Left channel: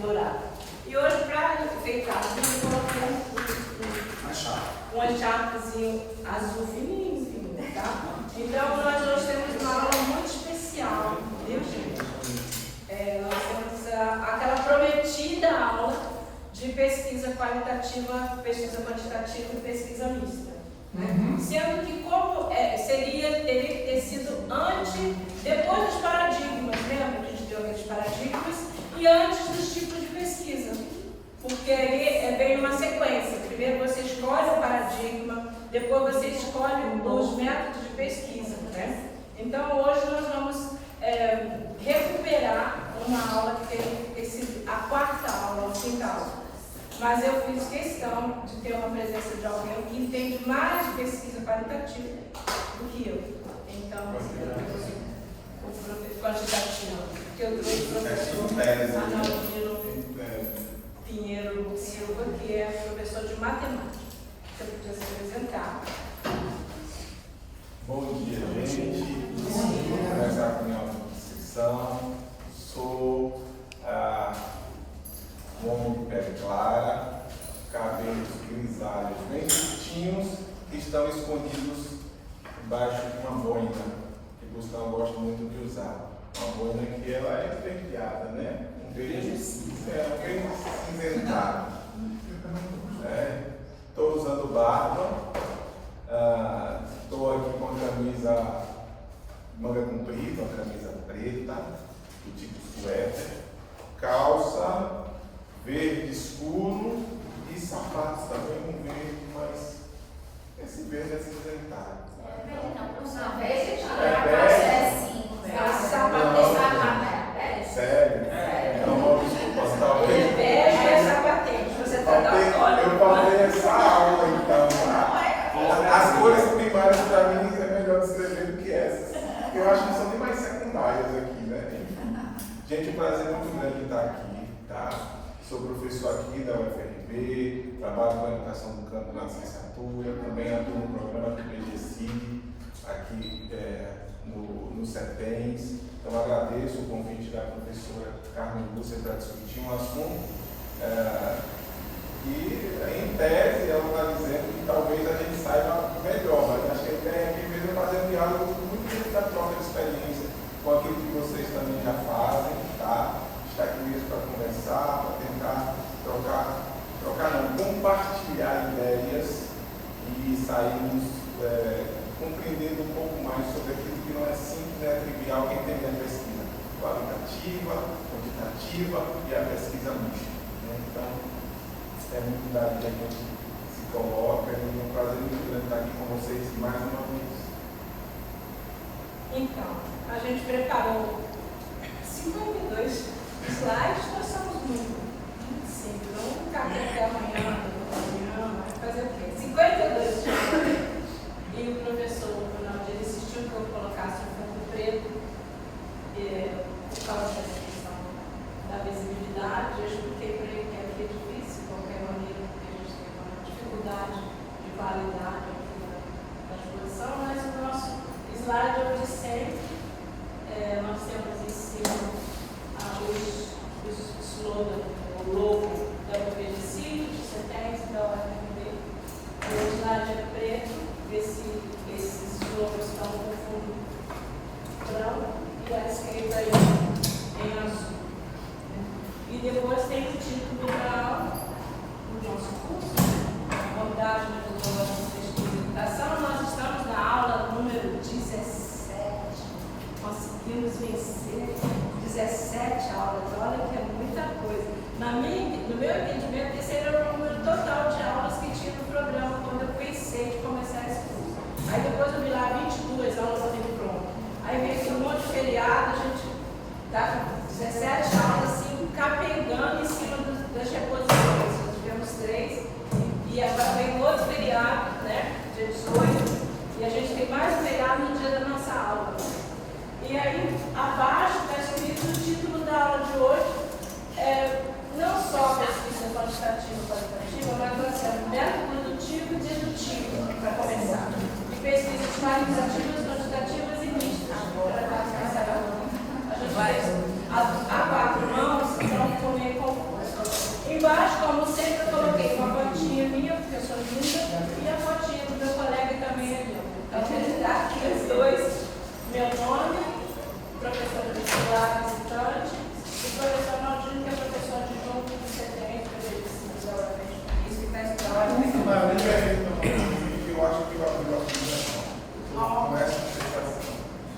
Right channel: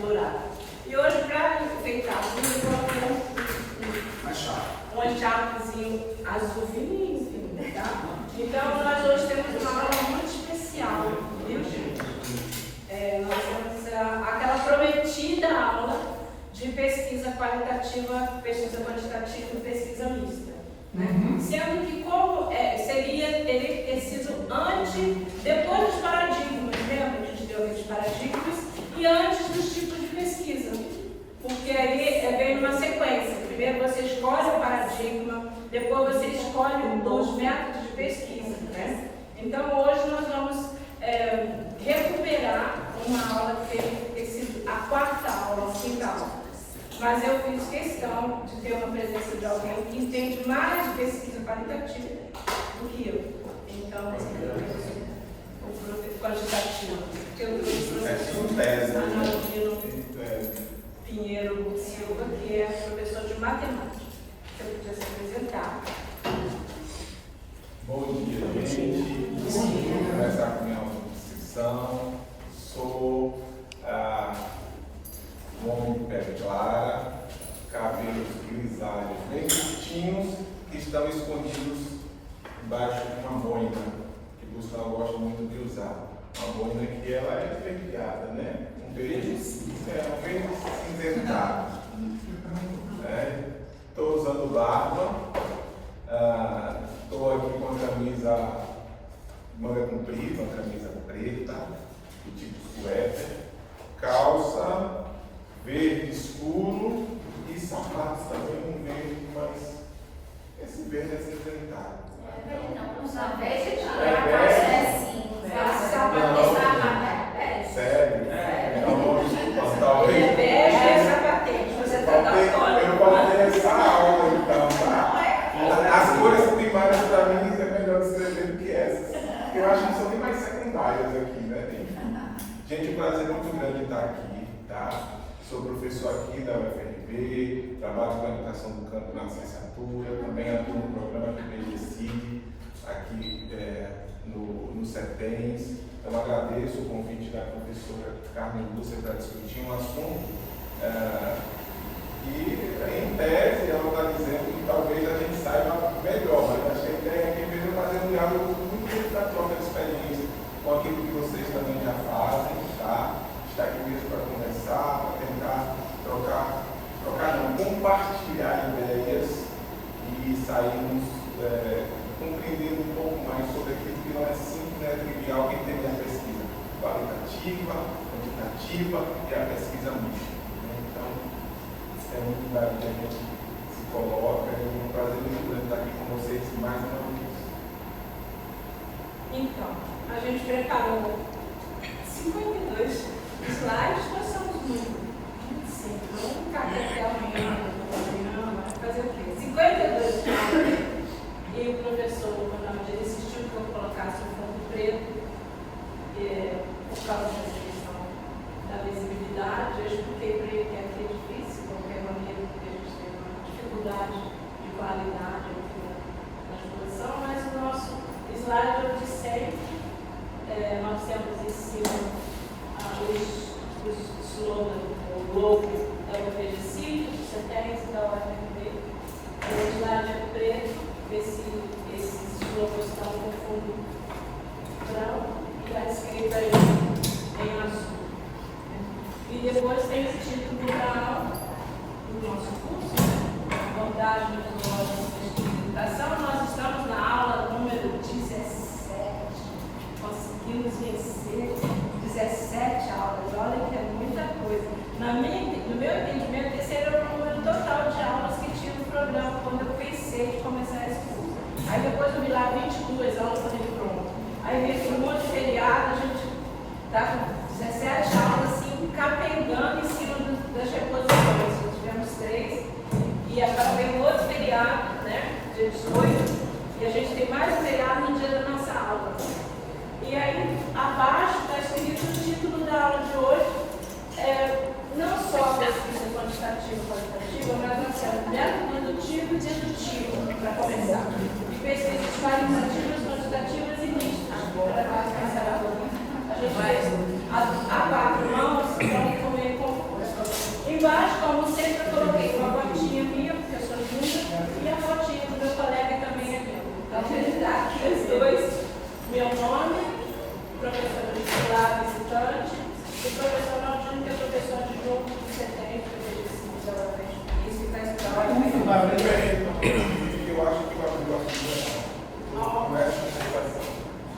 dourado. E hoje, para enfeitar, eu coloquei um encharpezinho azulzinho, tá? Então, nós hoje temos uma aula muito especial, viu, gente? Nós temos aquela prometida aula de pesquisa qualitativa, pesquisa quantitativa e pesquisa mista. Sendo que como teria que ter sido depois dos paradigmas, lembra? A gente deu aqueles paradigmas e antes dos tipos de pesquisa. Porque aí vem numa sequência. Primeiro você escolhe o paradigma, depois você escolhe os métodos de pesquisa. Né? Então hoje nós vamos recuperar uma aula que tem ter sido a quarta aula, a quinta aula. Mas eu fiz questão de ter uma presença de alguém que entende mais de pesquisa qualitativa do que eu. Então, o quantitativo, que eu trouxe o professor Arnaldino Pinheiro Silva, que é professor de matemática. Se eu podia se apresentar. Bom dia, gente. Vou começar com a minha auto-descrição. Sou um homem de pele clara, cabelos grisalhos bem curtinhos, que estão escondidos embaixo de uma boina, que Gustavo gosta muito de usar. Uma boina que ela é verdeada, né? Um verde cinzentado. Estou usando barba, estou aqui com a camisa manga comprida, uma camisa preta, do tipo suéter, calça verde escuro e sapatos também um verde, mas esse verde é cinzentado. Não, usa verde, sério? Então vamos postar o Ele é sapatente, você está dando eu falei essa aula então, tá? As cores primárias para mim é melhor descrever do que essas. Eu acho que são bem mais secundárias aqui, né? Gente, é um prazer muito grande estar aqui, tá? Sou professor aqui da UFRB, trabalho com a educação do campo na licenciatura, também atuo no programa PGCID, aqui no CETENS. Então agradeço o convite da professora Carmen Lúcia para discutir um assunto e, em tese, ela está dizendo que talvez a gente saiba melhor, mas acho que a ideia aqui mesmo é fazer um diálogo muito da própria experiência com aquilo que vocês também já fazem, tá? Está aqui mesmo para conversar, para tentar compartilhar ideias e sairmos compreendendo um pouco mais sobre aquilo que não é simples, não é trivial, quem tem a pesquisa qualitativa, quantitativa e a pesquisa mista. Né? Então, é muito lugar que a gente se coloca e é um prazer muito grande estar aqui com vocês mais uma vez. Então, a gente preparou 52 slides, nós somos muito simples. Vamos ficar até amanhã, fazer o quê? 52 slides. E o professor Ronaldo insistiu que eu colocasse o fundo preto, por causa da questão da visibilidade. Eu expliquei para ele que aqui é difícil, de qualquer maneira, porque a gente tem uma dificuldade de qualidade aqui na exposição, mas o nosso slide é o de sempre. Nós temos em cima os eu acho que o aluno não é essa sensação.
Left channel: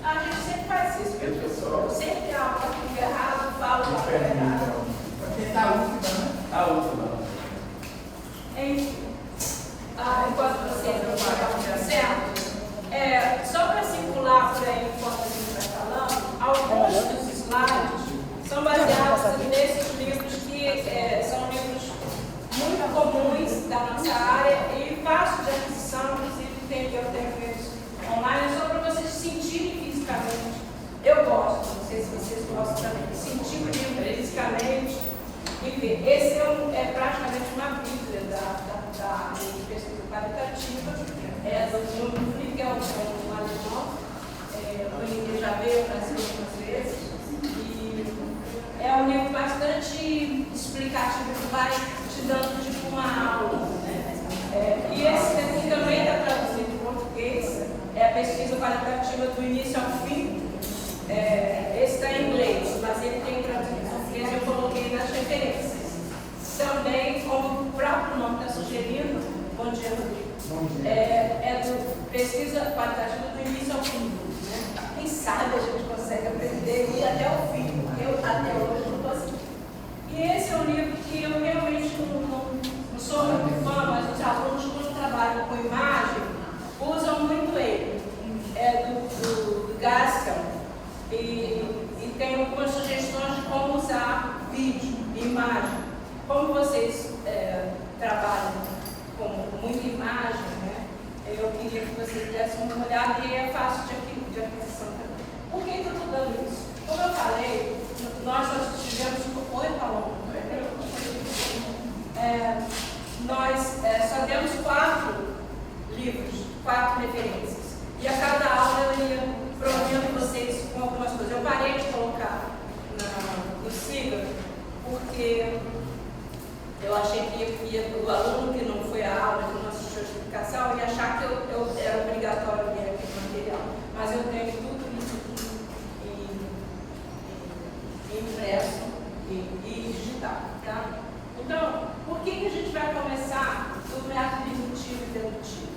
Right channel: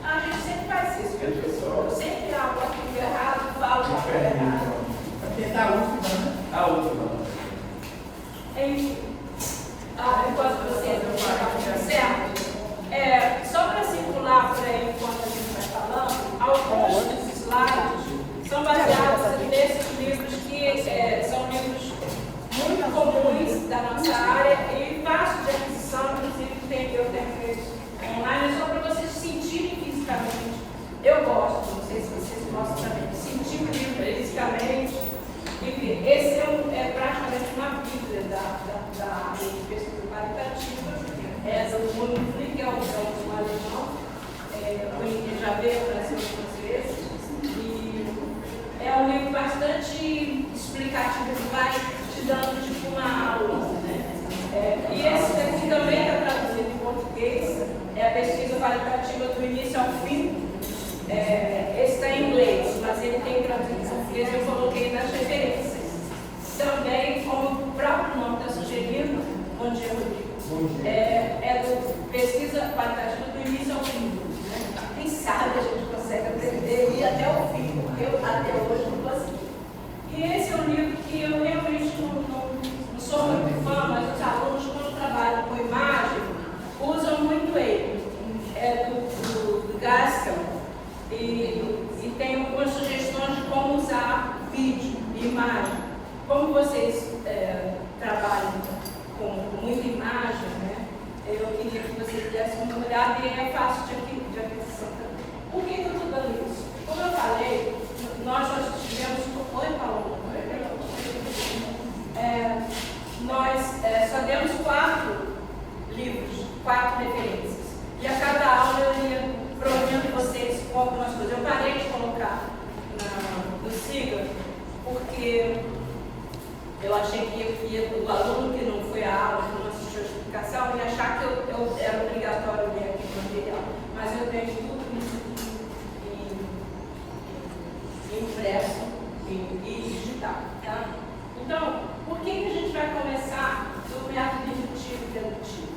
A gente sempre faz isso, Deixa eu só. eu sempre amo aquilo errado, falo o que é errado. A última. Enquanto você não vai certo, só para circular por aí enquanto a gente vai falando, alguns dos slides são baseados nesses livros que são livros muito comuns da nossa área e fácil de aquisição, inclusive eu tenho eles online, só para vocês sentirem fisicamente. Eu gosto, não sei se vocês gostam também, de sentir o livro fisicamente. Enfim, esse é praticamente uma bíblia da pesquisa qualitativa, do mundo Flickr, um alemão, que já veio para cima algumas vezes, e é um livro bastante explicativo, que vai te dando tipo uma aula, né? E esse daqui também está traduzido em português, é a pesquisa qualitativa do início ao fim. Esse está em inglês, mas ele tem traduzido em português, eu coloquei nas referências. Também, como o próprio nome está sugerindo, bom dia, é do pesquisa qualitativa do início ao fim. Né? Quem sabe a gente consegue aprender e ir até o fim, porque eu até hoje não consegui. E esse é um livro que eu realmente não sou muito fã, mas os alunos, quando trabalham com imagem, usam muito ele. É do Gaskell. E tem algumas sugestões de como usar vídeo, imagem. Como vocês trabalham com muita imagem, né? Eu queria que vocês dessem uma olhada e é fácil de aquisição também. Por que eu estou dando isso? Como eu falei, nós tivemos Oi, Paulo. Nós só demos 4 livros, 4 referências. E a cada aula eu ia provendo vocês com algumas coisas. Eu parei de colocar no Siga, porque eu achei que o aluno que não foi à aula, que não assistiu a explicação, ia achar que eu era obrigatório ver aquele material. Mas eu tenho tudo isso impresso e digital. Tá? Então, por que a gente vai começar do método indutivo e dedutivo?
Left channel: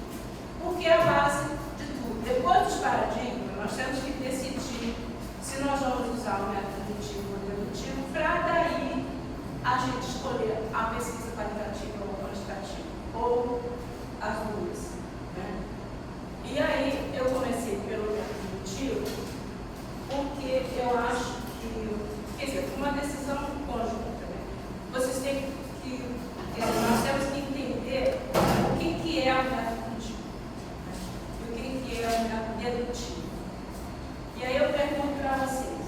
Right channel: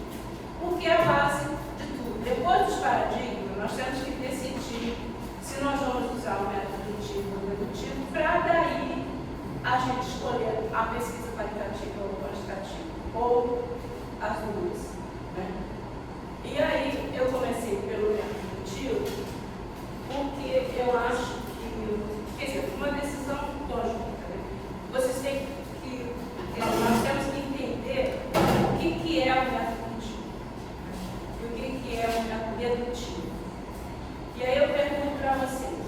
Porque é a base de tudo. Depois dos paradigmas, nós temos que decidir se nós vamos usar o método indutivo ou dedutivo para daí a gente escolher a pesquisa qualitativa ou quantitativa, ou as duas. Né? E aí eu comecei pelo método indutivo, porque eu acho que, quer dizer, uma decisão conjunta. Né? Vocês têm nós temos que entender o que é o método indutivo e o que é o método dedutivo. E aí eu pergunto para vocês,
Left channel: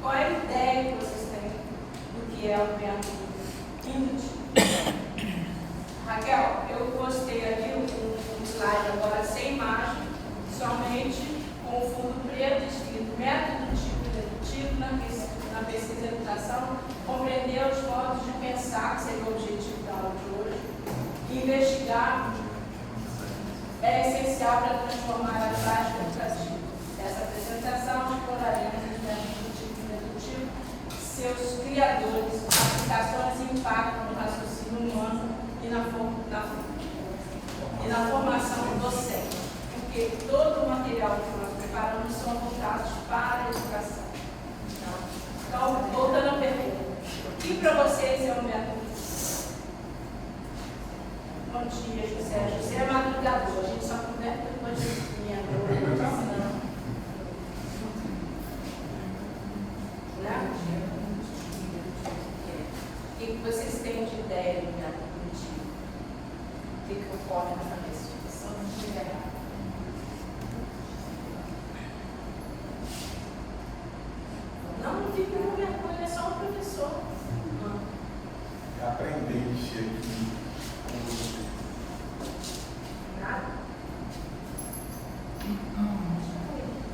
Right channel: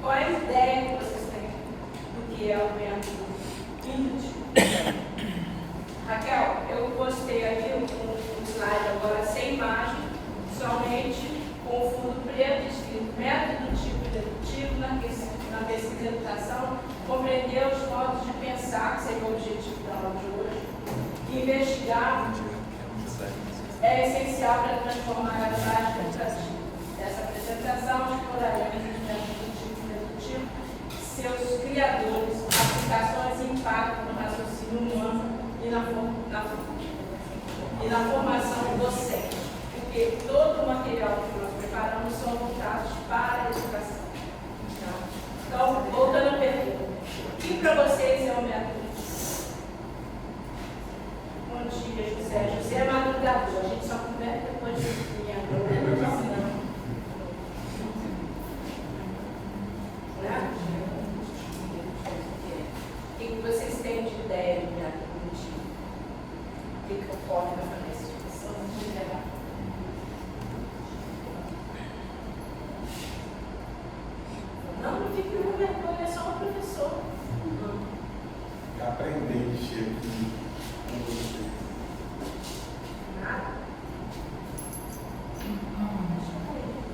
qual é a ideia que vocês têm do que é o método indutivo? Raquel, eu postei aqui um slide agora sem imagem, somente com o fundo preto, escrito método indutivo e dedutivo na pesquisa de educação, compreender os modos de pensar, que seria o objetivo da aula de hoje, e investigar é essencial para transformar a prática educativa. Essa apresentação exploraremos no método indutivo e dedutivo, seus criadores, aplicações e impacto no raciocínio humano e na formação docente, porque todo o material que nós preparamos são voltados para a educação. Então, voltando à pergunta, o que para vocês é o método? Bom dia, José. José é madrugador, a gente só conversa depois de meia-noite. O que vocês têm de ideia do método indutivo? O que eu posso fazer isso? Vamos generar. Não fique com vergonha, é só um professor. Aprender a mexer aqui com você. Nada?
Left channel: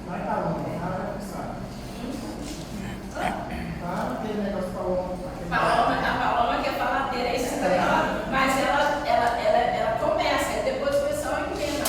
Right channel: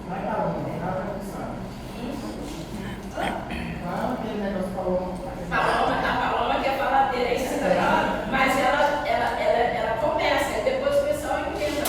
Vai dar uma, vai começar. Aquele negócio falou. A Paloma que é faladeira, isso, mas ela começa, depois o pessoal entende.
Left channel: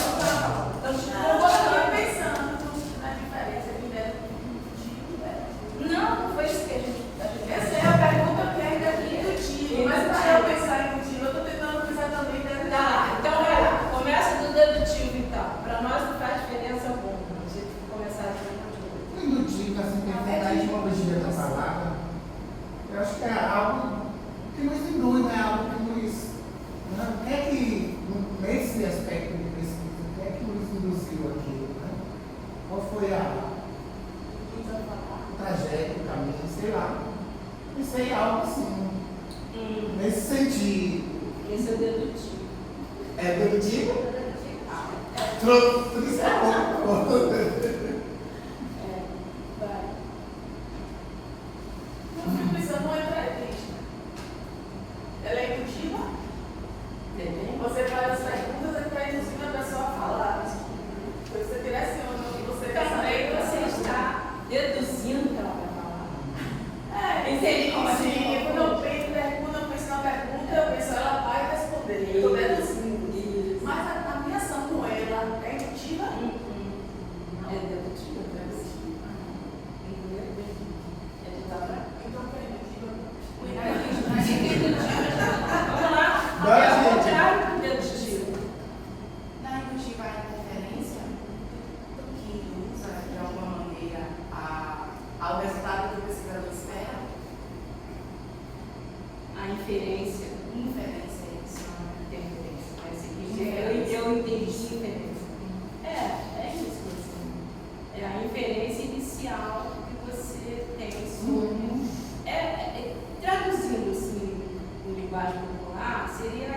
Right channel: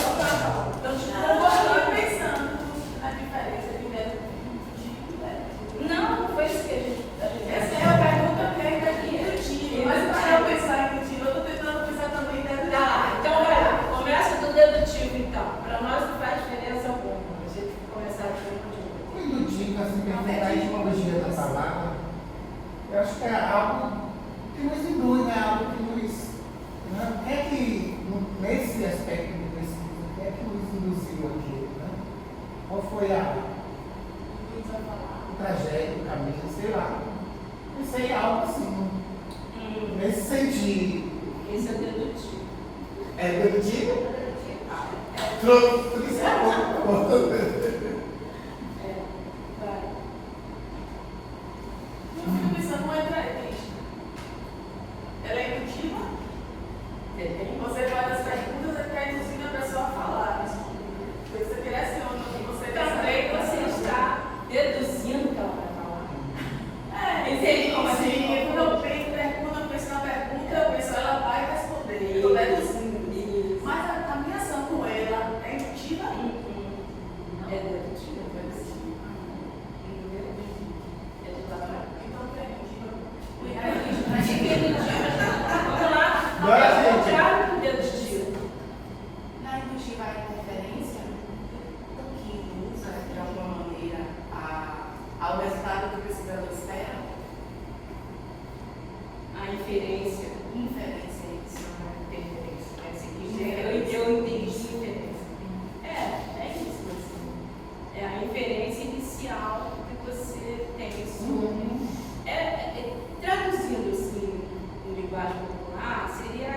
algo que nos induz, né? Algo que nos. Né? O que é que, nesse aspecto de pesquisa, o que é que nos induziu aqui? Né? Qual foi o trajeto, o caminho, sei lá. Pensei em algo assim, nesse sentido. Esse é dedutivo. É dedutivo? Tudo isso é bom. Vai. Uma atribuição não é pré-crítica. Ela é intuitiva? Você faz as perguntas e está induzindo a pessoa a falar. Você direciona o que você quer Também saber. você está deduzindo que ela vai falar. Entendi. Sim, quando eu penso na pergunta, eu penso, ela vai responder. Eu estou deduzindo. Mas a minha ação com ela é intuitiva? É dedutiva, é de trabalho. Então, pré-crítica. Vamos lá, Bora, é o gente. contrário do dedutivo. Na indutiva há referência do que usa, de alguma maneira, ao resultado que o pesquisador espera? A inferência. Inferência, isso. Eu entendi inferência. É isso. É a inferência inicial que você tem sobre. Traduzindo assim, em linguagem popular, seria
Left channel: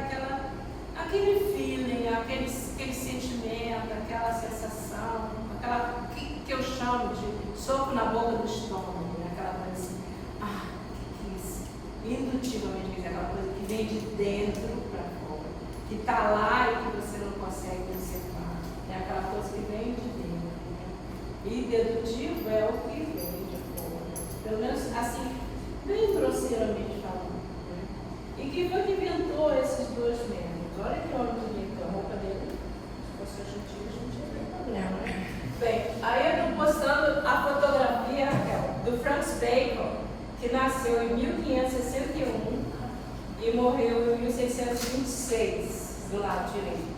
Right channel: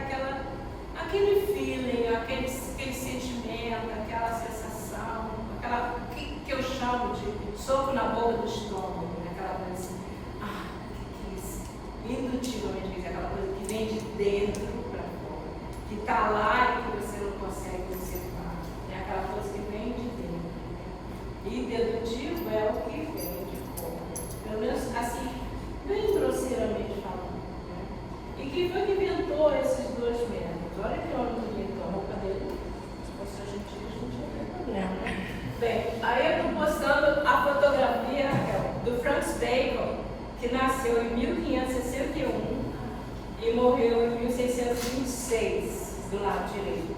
aquele feeling, aquele sentimento, aquela sensação, aquela que eu chamo de soco na boca do estômago, né? Aquela coisa assim, que isso? Indutivamente, aquela coisa que vem de dentro para fora, que está lá e que você não consegue observar. É aquela coisa que vem de dentro. E dedutivo é o que vem de fora. Pelo menos assim, bem grosseiramente falando. Né? E quem foi que inventou esses dois métodos? Olha que homem bonito, a roupa dele. Se fosse argentino, a gente não teria problema, né? Bem, aí eu estou postando a fotografia do Francis Bacon, que nasceu em 1561 e morreu em 1626, do lado direito.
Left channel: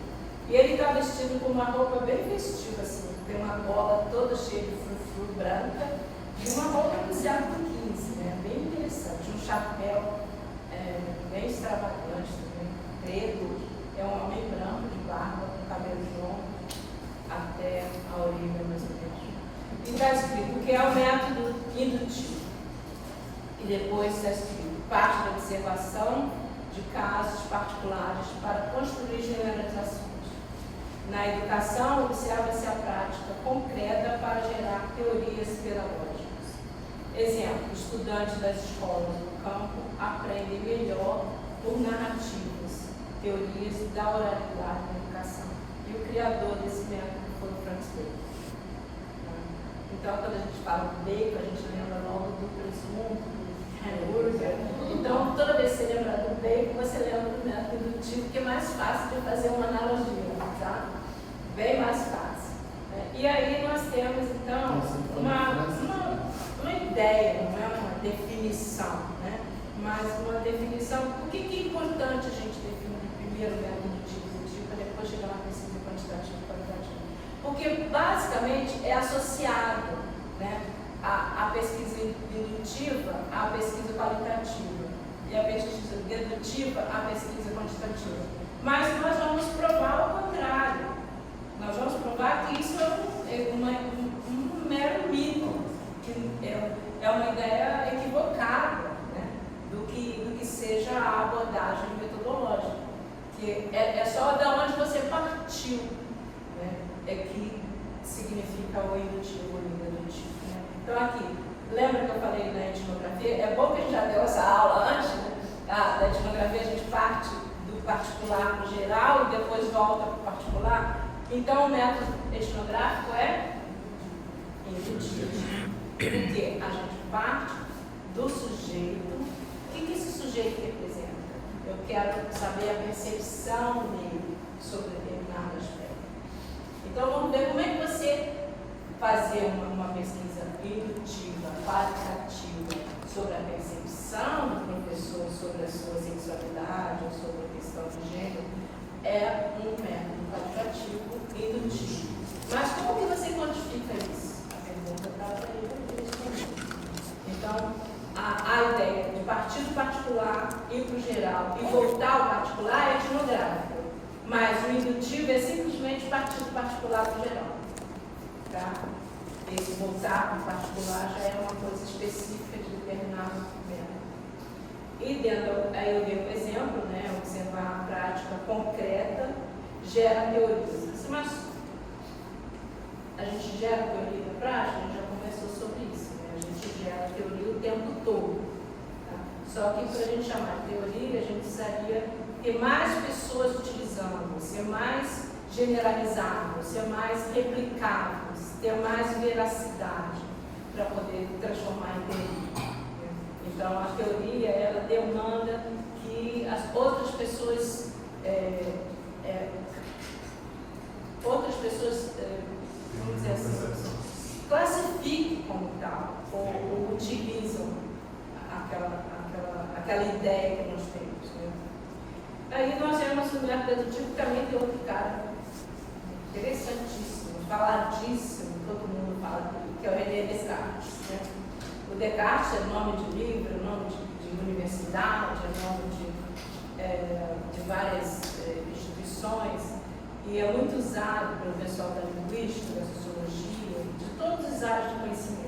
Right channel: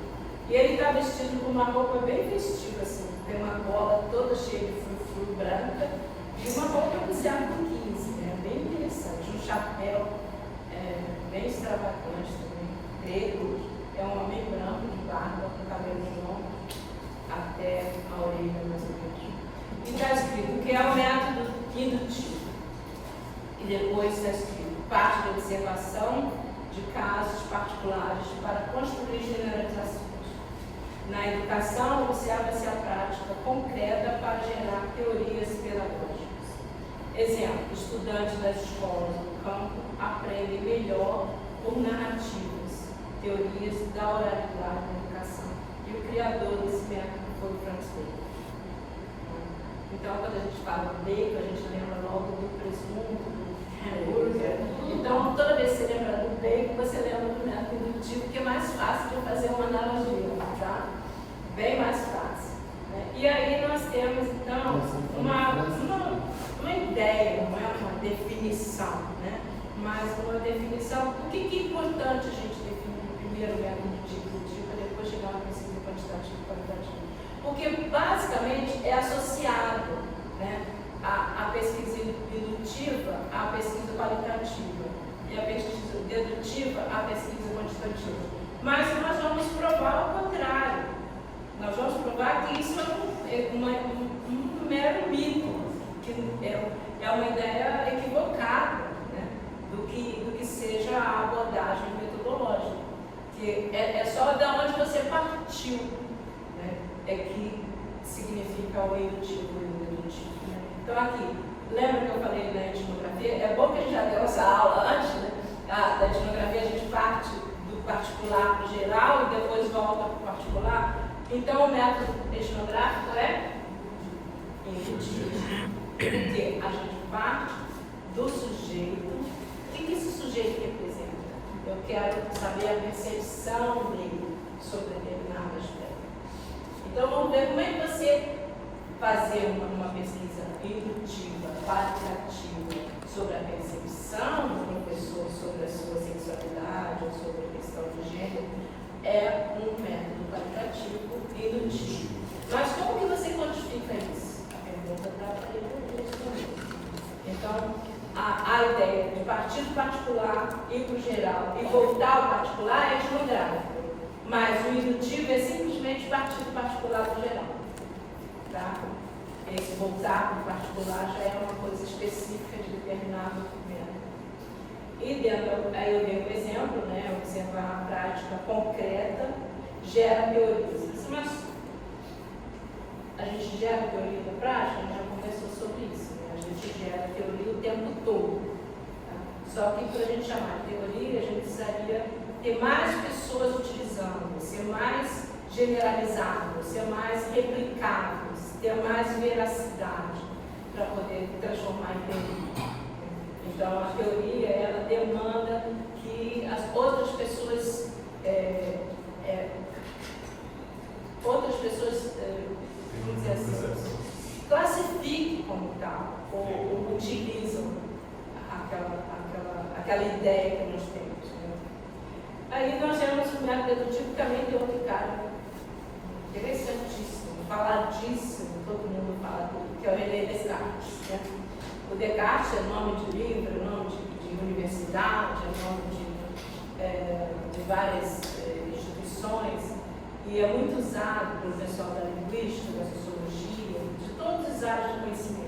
E ele está vestido com uma roupa bem festiva, assim, tem uma gola toda cheia de frufru branca e uma roupa do século XV, né? Bem interessante, um chapéu bem extravagante também, preto, é um homem branco de barba, com cabelo longo até a orelha mais ou menos. E está escrito que é o método indutivo. E depois está escrito parte da observação de casos particulares para construir generalizações. Na educação, observa-se a prática concreta para gerar teorias pedagógicas. Exemplo, estudantes das escolas do campo aprendem melhor por narrativas, teorias da oralidade na educação. E o criador desse método foi o Francis Bacon. Então, quando a gente fala do Bacon, a gente lembra logo do presunto, do hambúrguer. Então, toda vez que você lembra do Bacon, você lembra do método indutivo, que é mais fácil de fazer uma analogia, tá? Bem mais fácil. Né? E aí nós temos, então, uma ideia, não é uma definição, né? Mas uma definição. Por que é importante a gente definir primeiro o método indutivo para depois chegar na pesquisa quantitativa e qualitativa? Porque, basicamente, é associado, né, a pesquisa indutiva à pesquisa qualitativa e a pesquisa dedutiva à pesquisa quantitativa. Mas nós vamos provar o contrário. Nós vamos provar que isso é um mero mito, que é uma ideia equivocada, né, do que seja a abordagem metodológica. Que é só de onde você partiu, né, é que significa o indutivo e o dedutivo. Né? Então, aqui, lembra que eu falei da etnografia? É bom que a gente já deu essa aula antes, né? Da etnografia, a gente parte do particular para o geral e depois volta para o particular. Então, o método etnográfico é indutivo. Porque a gente parte do sujeito. O que esse sujeito representa? Eu quero saber a percepção dele sobre determinado aspecto. Então, vamos ver como é que você fazer uma pesquisa indutiva, qualitativa, sobre a percepção do professor sobre a sua sexualidade ou sobre a questão do gênero, é um método qualitativo indutivo. Mas como que você quantifica isso? A pergunta para ele responder. Então, a ideia de partir do particular particular, ir para o geral e voltar ao particular é etnográfico. Mas o indutivo é simplesmente partir do particular para o geral. Tá? Esse voltar para o particular já é uma coisa específica de determinado documento. E dentro, aí eu dei um exemplo, né? Observar a prática concreta gera teorias. Mas a gente gera teoria da prática, a gente já conversou sobre isso, né? A gente gera teoria o tempo todo. Tá? Só que para a gente chamar de teoria, a gente precisaria ter mais pessoas utilizando, ser mais generalizado, ser mais replicável, ter mais veracidade para poder transformar em teoria. Então, a teoria, ela demanda que as outras pessoas, vamos dizer assim, classifiquem como tal, ou utilizam aquela ideia que nós temos. Né? Aí nós temos o método dedutivo, também tem outro cara interessantíssimo, faladíssimo, todo mundo fala dele, que é o René Descartes. Né? O Descartes é nome de livro, é nome de universidade, é nome de várias instituições, e é muito usado pelo pessoal da linguística, da sociologia, de todas as áreas de conhecimento.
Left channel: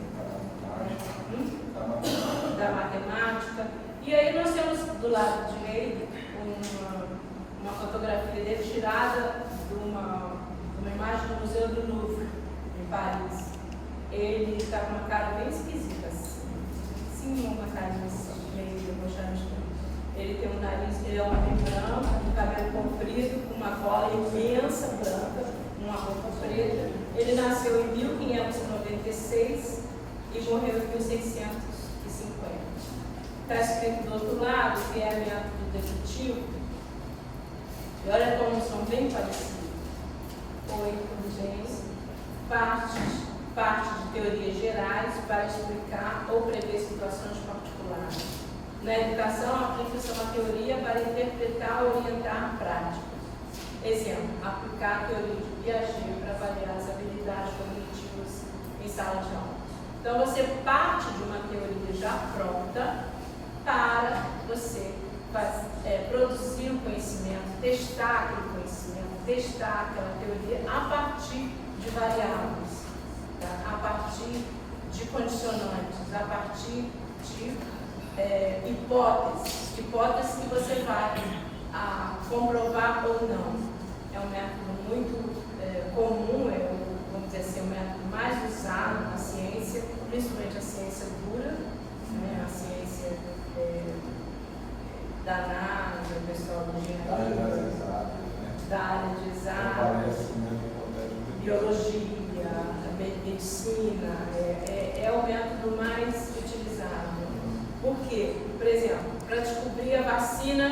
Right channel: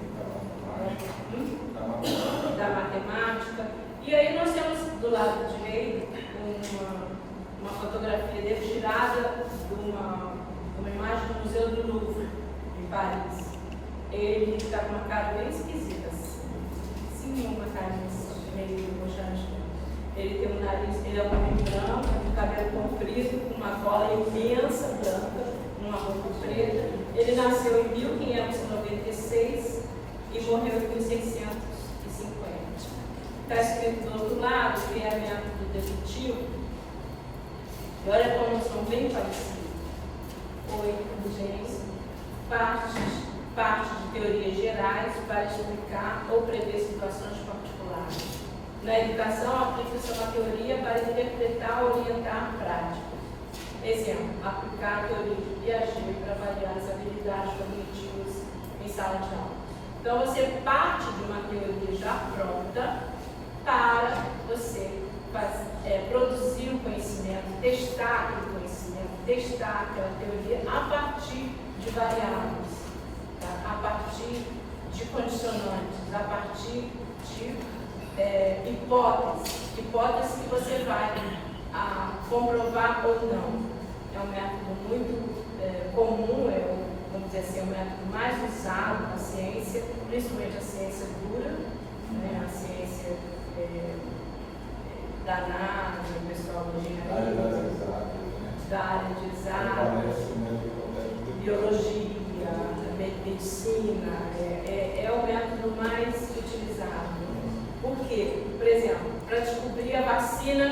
Da matemática. E aí nós temos do lado direito uma fotografia dele tirada de uma imagem do Museu do Louvre, em Paris. Ele está com uma cara bem esquisita, assim. Sim, uma cara meio debochante. Ele tem um nariz, ele é um homem branco, um cabelo comprido, com uma bola imensa branca, uma roupa preta. Ele nasceu em 1596 e morreu em 1650. Está escrito do outro lado, que é método dedutivo. E olha como são bem parecidos. 8 gêneros, partes de teorias gerais para explicar ou prever situações particulares. Na educação, aplica-se uma teoria para interpretar ou orientar a prática. Exemplo, aplicar a teoria de Piaget para avaliar as habilidades cognitivas em sala de aula. Então, você parte de uma teoria já pronta para você produzir um conhecimento, testar aquele conhecimento, testar aquela teoria a partir de variáveis, tá? A partir de condicionantes, a partir de hipóteses que você vai comprovar ou não. É um método muito comum, vamos dizer assim, o método mais usado na ciência, principalmente a ciência dura, né? A ciência da análise, o pessoal da engenharia, da área de exatas, biologia, medicina, é o método mais utilizado. Por quê? Por exemplo, para descobrir a vacina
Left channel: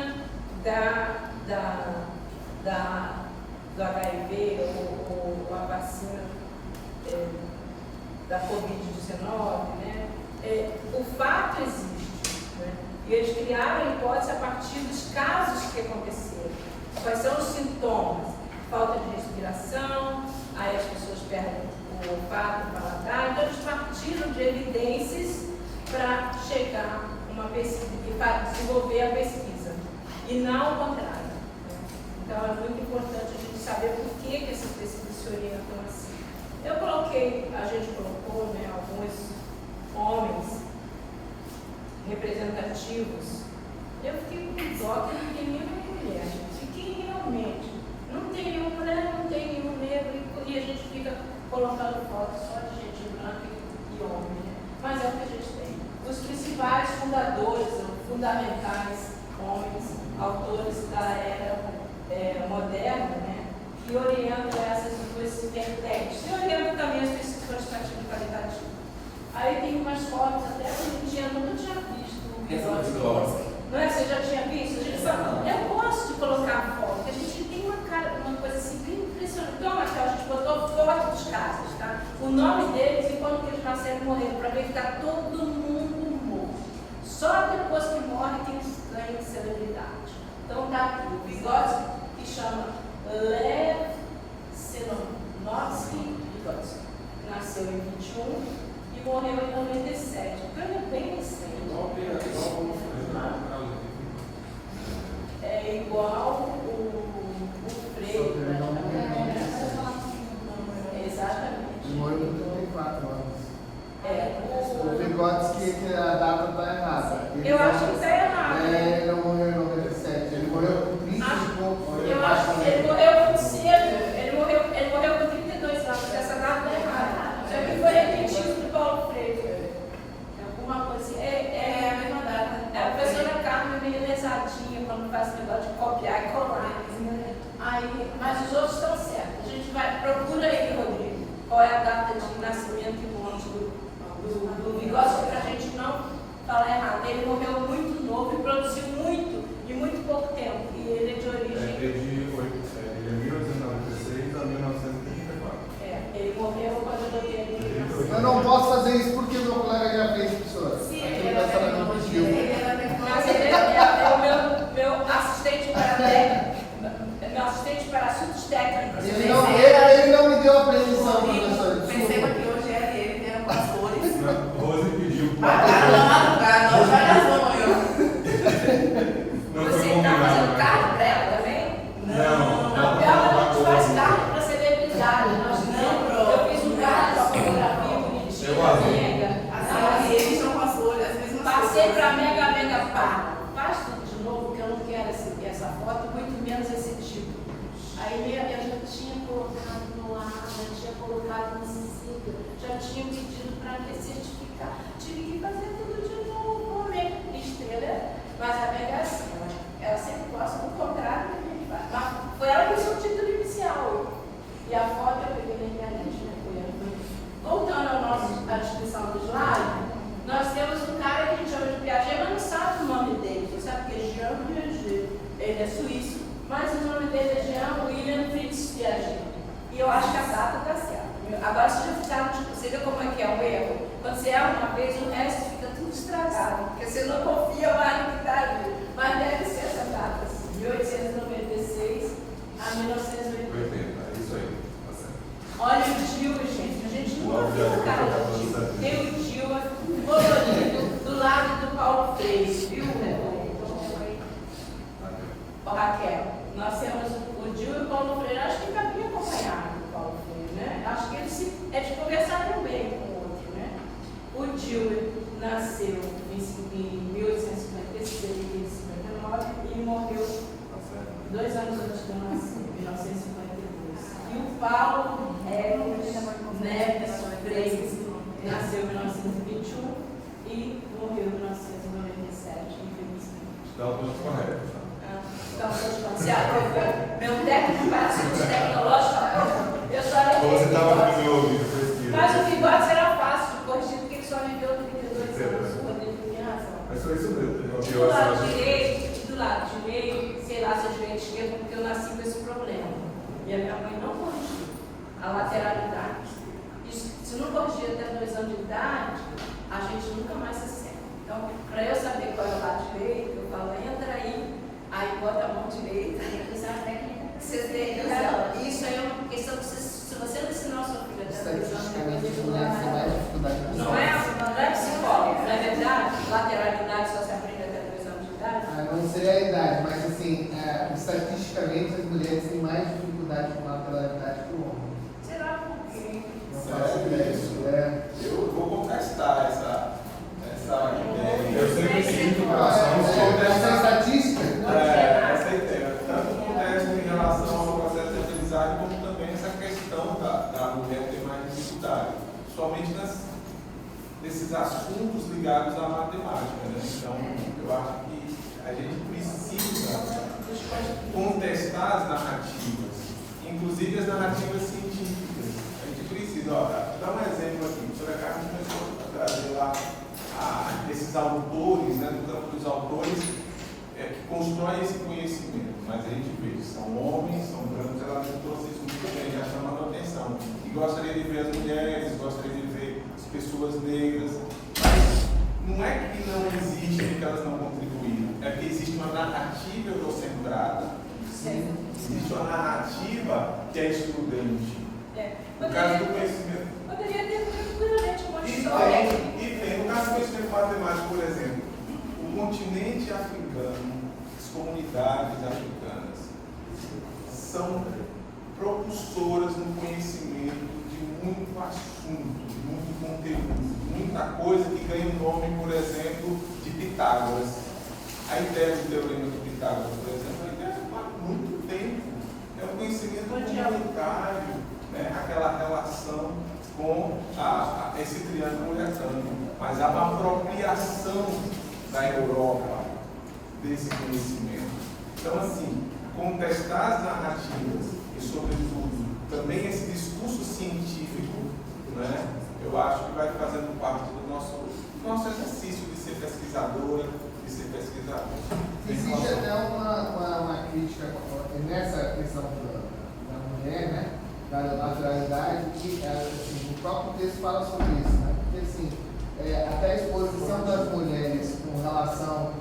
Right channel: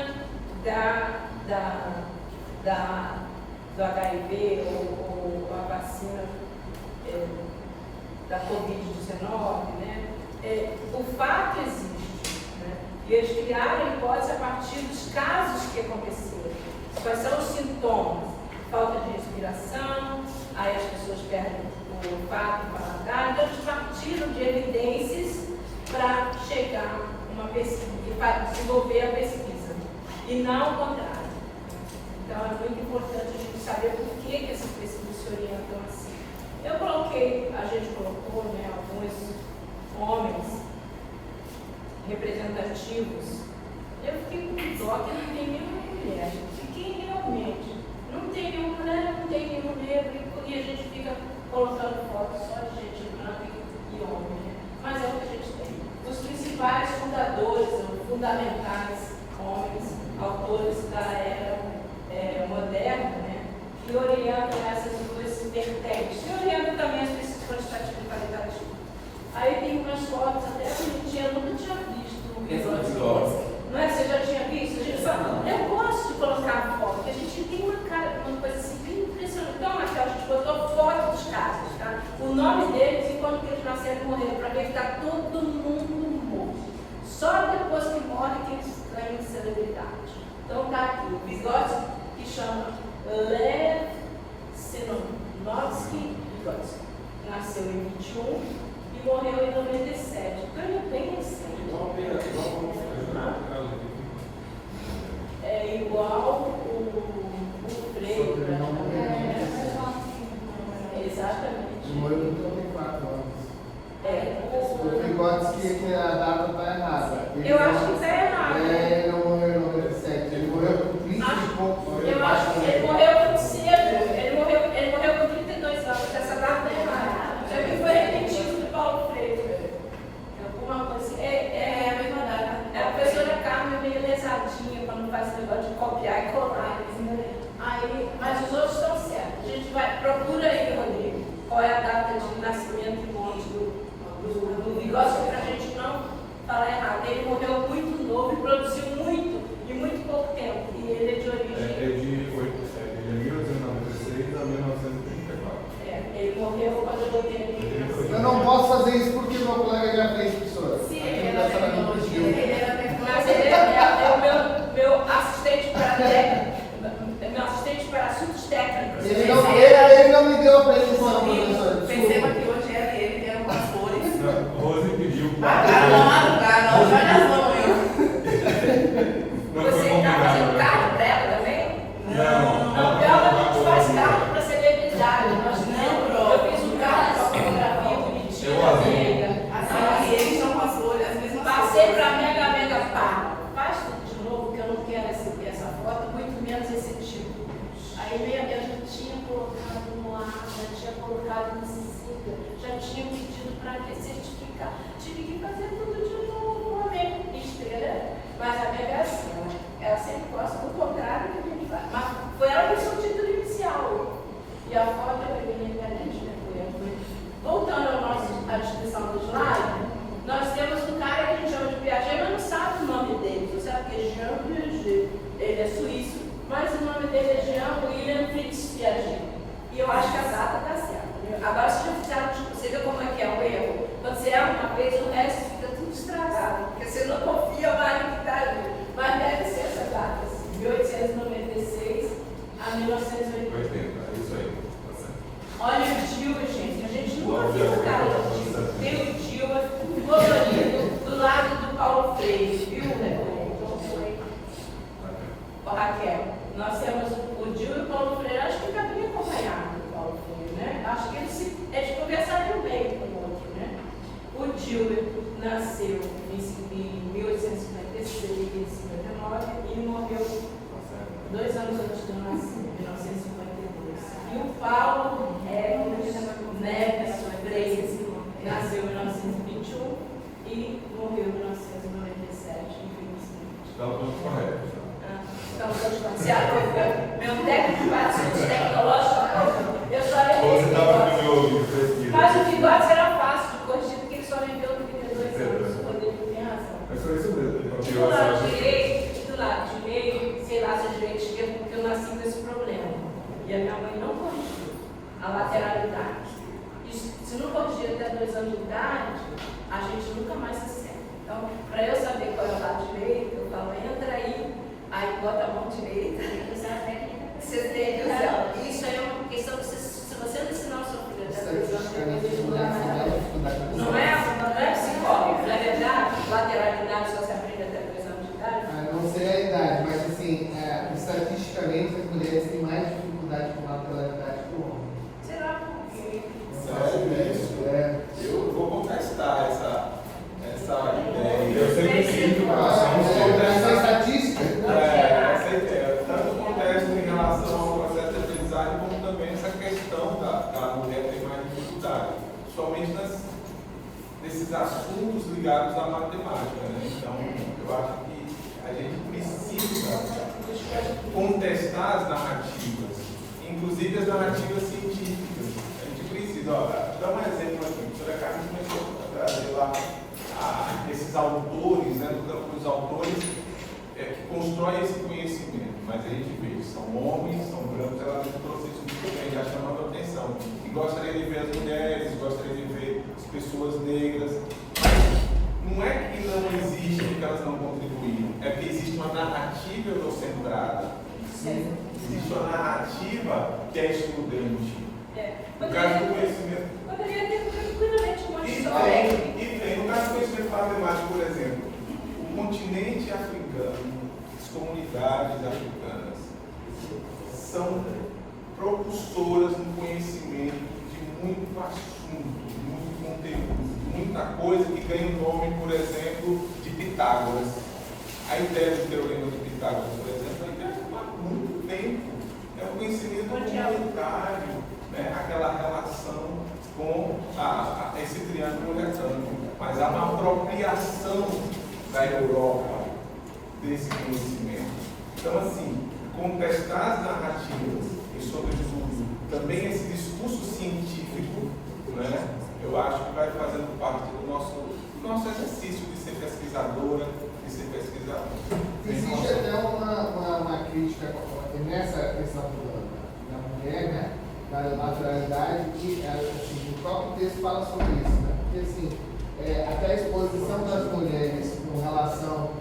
do HIV ou a vacina da Covid-19, né? O fato existe, né? E eles criaram a hipótese a partir dos casos que aconteceram. Quais são os sintomas? Falta de respiração, aí as pessoas perdem o olfato, o paladar. Então eles partiram de evidências para chegar a uma pesquisa e para desenvolver a pesquisa, e não o contrário. Então é muito importante a gente saber por que essas pesquisas se orientam assim. A gente colocou, né, alguns homens representativos. Eu fiquei com dó que não tem nenhuma mulher. Fiquei realmente. Não tem nenhuma mulher, não tem nenhum negro, e a gente fica colocando fotos só de gente branca e homem. Né? Mas é o que a gente tem. Os principais fundadores, fundamentais homens, autores da era moderna, né? Que orientam essas duas vertentes. E orientam também as pesquisas quantitativas e qualitativas. Aí tem umas fotos até que a gente nunca tinha visto. Não é? Você já tinha visto? A gente fala, eu gosto de colocar foto, porque a gente tem uma coisa assim bem impressionante. Então, Raquel, a gente botou foto dos casos, tá? O nome deles e quando eles nasceram e morreram, para ver que está todo mundo morto. Só depois que morre que eles ganham celebridade. Então tá aqui, o Vygotsky, que chama Lev Senovsky Vygotsky. Nasceu em 21 e morreu em 97. Então ele é bem recente. igual o Freio, praticamente. Exatamente. Ele morreu com 34 anos. O Bigode diz que a data está errada. Eu acho que está errado. Ele não morreu em 97, ele morreu com 30 e pouco. Eu acho que ele morreu muito cedo. Ele morreu com 32 anos. Essa data é errada. Já que foi repetido do Paulo Freire. Alguma coisa assim. É a mesma data. A professora Carmen é meio lesadinha quando faz esse negócio de copiar e colar. Aí, mas os outros estão certos. A gente vai, procura aí, Rodrigo, qual é a data de nascimento e morte do Bigode, para a gente não falar errado. Ele morreu muito novo e produziu muito, em muito pouco tempo. E ele é de origem. De 1896 a 1934. Ele morreu quando eu tenho. Eu não posso fazer isso porque meu colega já fez, professora. Sim, Aqui ele no era pensamento tecnologia, pediu. ele era Mas ele é o meu assistente para técnico. Meu assistente para assuntos técnicos. Ele não me deu a previsão, professor. Perceba que hoje era ele que era com as flores. Rose pediu. Marcaram na madrugada, não vai nas manhãs. Você está fazendo carro para ela também? Não. Ela a gente faz carro para celebridade. Eu fiz um carro para fotografia bonitinho da Mega. Assim, eles são com as flores, as mesmas Passei para Mega Par. Faz tudo de novo, que eu não quero essa foto, muito menos esse tipo. Aí eu já tinha colocado no ar, já tinha colocado no Cicla, já tinha pedido para certificar. Tive que fazer tudo de novo, uma Mega estrela. Mas a Mega assim, ela sempre gosta do contrário que a gente faz. Mas foi ela que fez o título inicial. E a foto eu peguei na internet, né? Voltando à descrição do slide, nós temos um cara que a gente chama de Piaget, mas não sabe o nome dele. Você sabe que é Jean Piaget. Ele é suíço, mas o nome dele é Jean William Fritz Piaget. E eu acho que a data está certa. Agora, se você vê como é que é um erro. Quando você erra uma vez, o resto fica tudo estragado. Porque você não confia mais no que está ali. Mas deve ser essa data, assim, 1896 a 1980. É isso aí. Olha o Dilma, gente. A gente nunca viu o cara do Dilma. Tem o Dilma colorido do lado do Paulo Freire, viu, Raquel? Nós temos o Dilma e o Paulo Freire. Acho que cabia acompanhado do Paulo Freire, né? Acho que eles conversariam bem com o outro, né? O Dilma nasceu em 1856 e 59 e morreu 2 anos antes de eu nascer, em 1952. E o Paulo Neves Freire nasceu em 1921 e morreu em 1997, infelizmente. Não, tudo correto. Então, meu técnico para assuntos tecnológicos, eu só Você estava no levei meu ouvido, pesquisa. mas o Bigode será fácil de corrigir, porque ele só viveu 32 anos. O Rodrigo tem razão. Mas foi isso mesmo. Do lado direito e do lado direito, sei lá, se a gente esquerda, porque eu nasci com esse problema. E a minha mãe não corrigiu a lateralidade. E se não corrigir até 2 anos de idade, a gente nunca mais acerta. Então, para eu saber qual é o lado direito, eu falo, entra aí bota a mão direita. Você tem isso aí é uma questão que se você não ensinar o seu filho até 2 anos, não é psicólogo, não é verdade? Lateralidade só se aprende até 2 anos de idade? Não sei a idade, mas assim, estatisticamente as mulheres têm mais dificuldade com lateralidade que o homem. Será por quê? Eu vou contestar essa ideia. Eu sempre sinto Essa estatística? essa ideia. Tanto acontece em relação ao processo de aprendizagem, como também essa questão da mulher ter mais dificuldade, somente nesses assuntos ligados à matemática. Né? Então, eu acho que a gente precisa contestar as narrativas, inclusive as narrativas científicas. A gente precisa, dar um exemplo aqui. A professora Carmen começou a trazer lá esses autores, né, do campo dos autores, que constroem esse conhecimento. Mas a gente vê, são homens, são brancos, ela trouxe isso muito bem, já chamando a atenção. E gostaria de ver as mulheres, gostaria de ver as pessoas negras. Mas não é que não existe porque elas não contribuíram, é que existe uma narrativa eurocentrada. Existe uma narrativa que é excludente. No caso do conhecimento. Poderia ter tranquilamente uma história. No caso do conhecimento matemático, por exemplo, o continente africano, as comunidades comunidades africanas são propulsoras no conhecimento de muito assunto, de muito conteúdo, de muita coisa que ganha o nome, por exemplo, de Pitágoras. A ideia do teorema de Pitágoras, por exemplo, a ideia há muito tempo. É um conhecimento humanitário, né? Aquela relação com esse triângulo retângulo. Mas há uma apropriação da Europa desse conhecimento. Então, assim, contestar as narrativas e, sobretudo, também esse discurso científico, né? Eu acho que vai fazendo parte do nosso exercício de ser pesquisadora, de ser pesquisador. Existe até uma crítica nessa questão da mulher, né? Da naturalidade, que assim, o próprio texto fala sobre isso, né? Porque assim, até a exposição das mulheres com relação,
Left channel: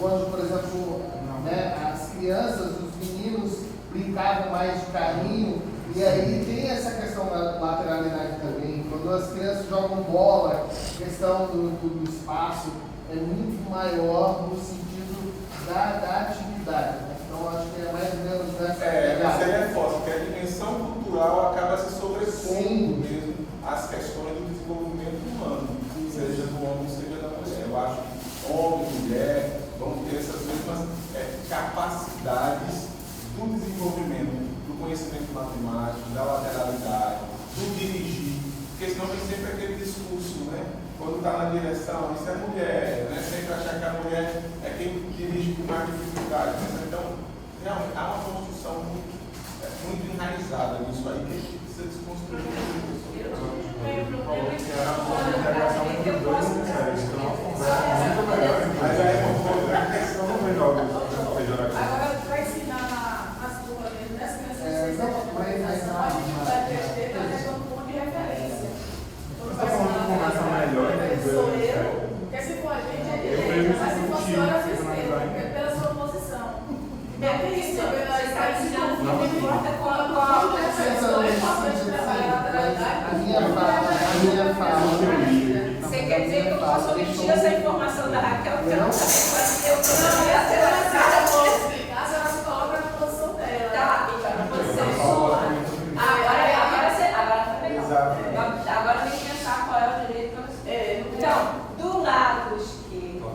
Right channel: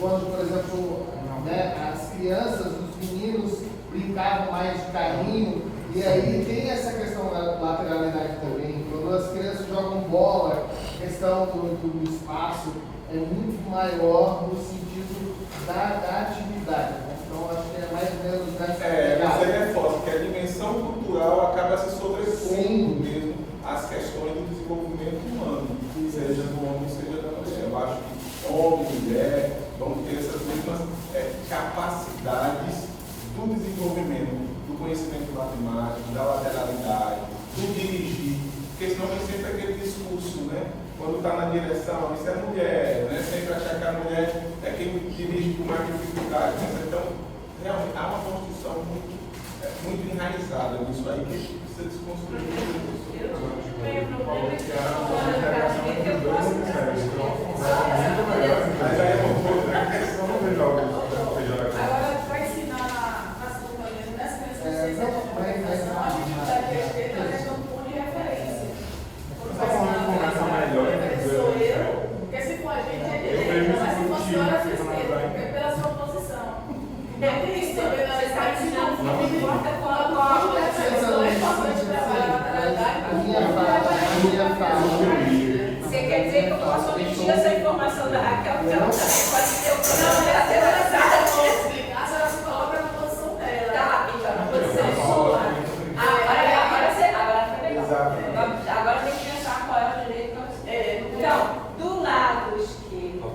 quando, por exemplo, né, as crianças, os meninos brincavam mais de carrinho, e aí tem essa questão da lateralidade também. Quando as crianças jogam bola, a questão do espaço é muito maior no sentido da atividade, né? Então acho que é mais ou menos nessa Você reforça que a dimensão cultural acaba se sobrepondo mesmo às questões do desenvolvimento humano, seja do homem, seja da mulher. Eu acho que homem e mulher vão ter essas mesmas capacidades do desenvolvimento, do conhecimento matemático, da lateralidade, do dirigir, porque senão tem sempre aquele discurso, né? Quando está na direção, isso é mulher, né? Sempre achar que a mulher é quem dirige com mais dificuldade. Então, realmente, há uma construção muito enraizada nisso aí que precisa desconstruir. Eu não tenho problema em que eu posso Mas aí é uma questão não vejo algo. Agora, para ensinar as companhias nessa questão a dificuldade de ter é a questão do ponto de referência. Quando vai ensinar sou eu, porque se for a gente é direita, mas se for a senhora é esquerda, porque é pela sua posição. É por isso que a gente não importa qual a minha fala. Você quer dizer que eu posso omitir essa informação da Raquel? Porque ela pode ter o problema da explicar, se ela se coloca na posição dela. Tá, então, na posição sua. Agora tem que pensar qual é o direito que eu Então, do lado esquerdo,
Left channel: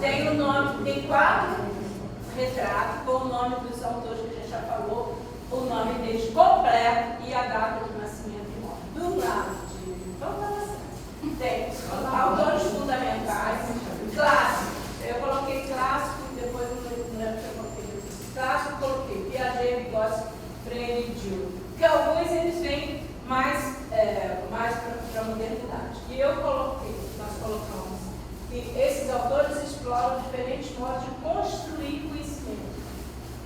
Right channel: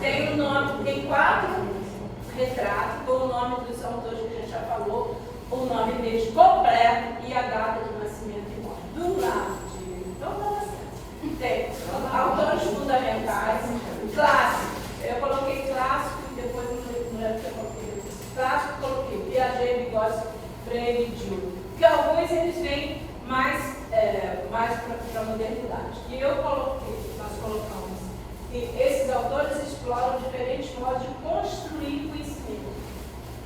tem o nome, tem 4 retratos com o nome dos autores que a gente já falou, o nome deles completo e a data de nascimento e morte. Do lado direito, vamos dar certo. Tem autores fundamentais, clássicos. Eu coloquei clássico e depois não lembro que eu coloquei. Clássico, coloquei Piaget, Vygotsky, Freire e Diderot. Porque alguns eles vêm mais para a modernidade. E eu coloquei, nós colocamos, que esses autores exploram diferentes modos de construir conhecimento.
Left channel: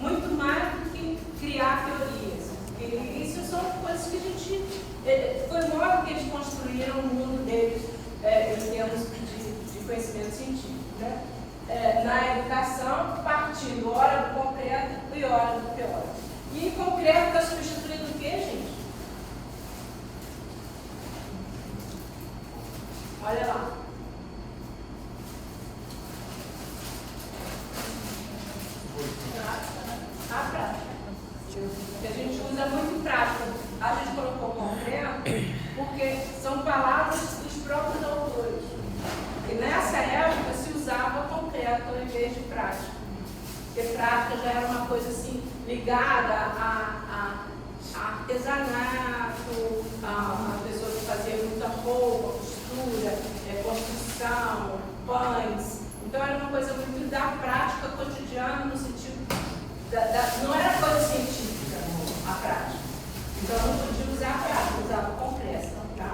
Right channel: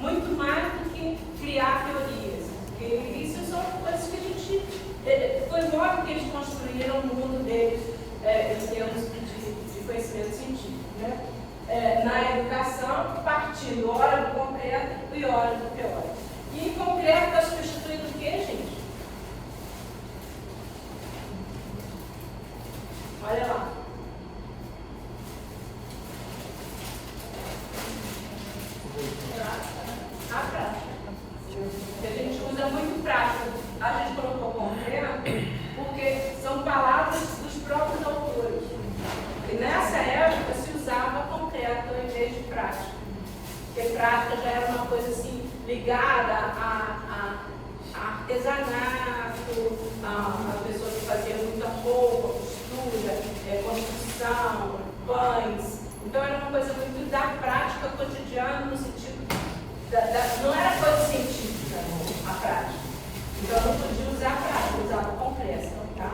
Muito mais do que criar teorias. Porque isso são coisas que a gente. Foi o modo que eles construíram o mundo deles em termos de conhecimento científico. Né? Na educação, partindo ora do concreto e ora do teórico. E concreto está substituindo o quê, gente? Olha lá. Na prática. A gente usa muito prática. A gente colocou concreto porque são palavras dos próprios autores. E nessa época se usava concreto em vez de prática. Porque prática já era uma coisa assim ligada a artesanato, a pessoa que fazia muita roupa, costura, construção, pães. Então era uma coisa muito da prática cotidiana, no sentido não era coisa científica a prática. Então não podia usar a prática, usava concreto. Tá?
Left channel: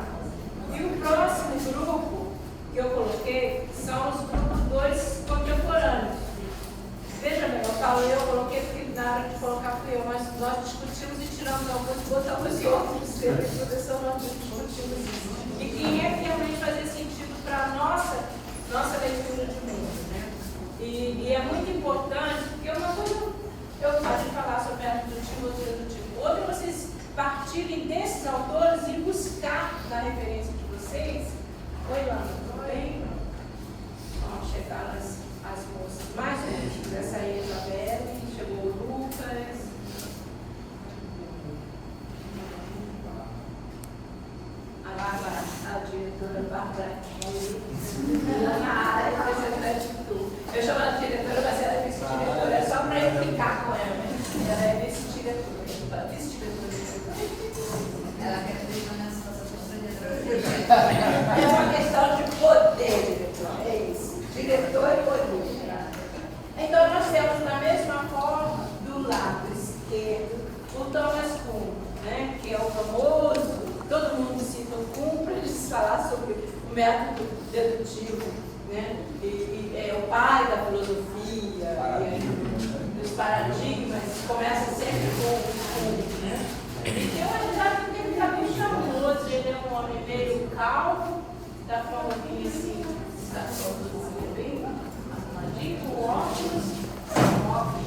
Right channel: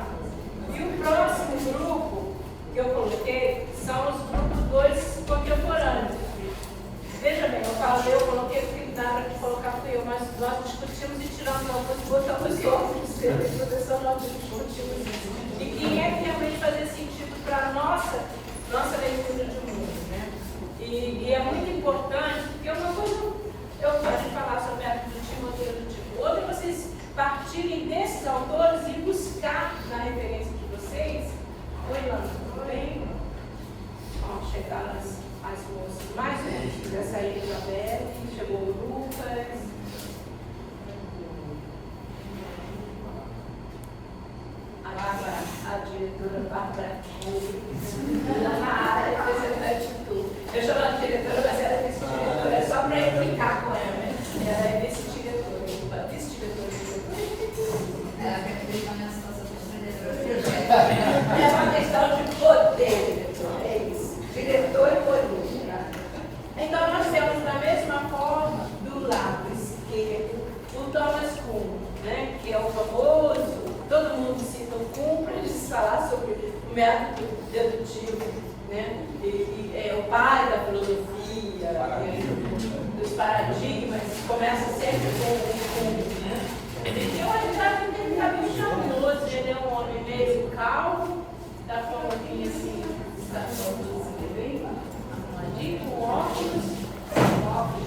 E o próximo grupo que eu coloquei são os grupos 2 contemporâneos. Veja bem, eu coloquei porque na hora de colocar fui eu, mas nós discutimos e tiramos alguns e botamos outros, porque professor nós discutimos isso. E quem é que realmente fazia sentido para a nossa leitura de mundo, né? E é muito importante, porque uma coisa eu gosto de falar para implicar com ela, né? Ela é vice-diretora. Ela quer acreditar nessa situação. É uma questão de poder, é isso. Diretor e poder. Né? Então, nós temos da mesma forma, do lado esquerdo, o Thomas Kuhn, né? Que é o famoso, todo mundo cita o Kuhn para eles falar sobre o método dedutivo, né? E é o pai da filosofia, dos paradigmas, começa sempre com o Kuhn, né? Eu achava que ele está bem charmoso, ele é um homem meio calmo, da forma que assim, está todo bem arrumadinho, com óculos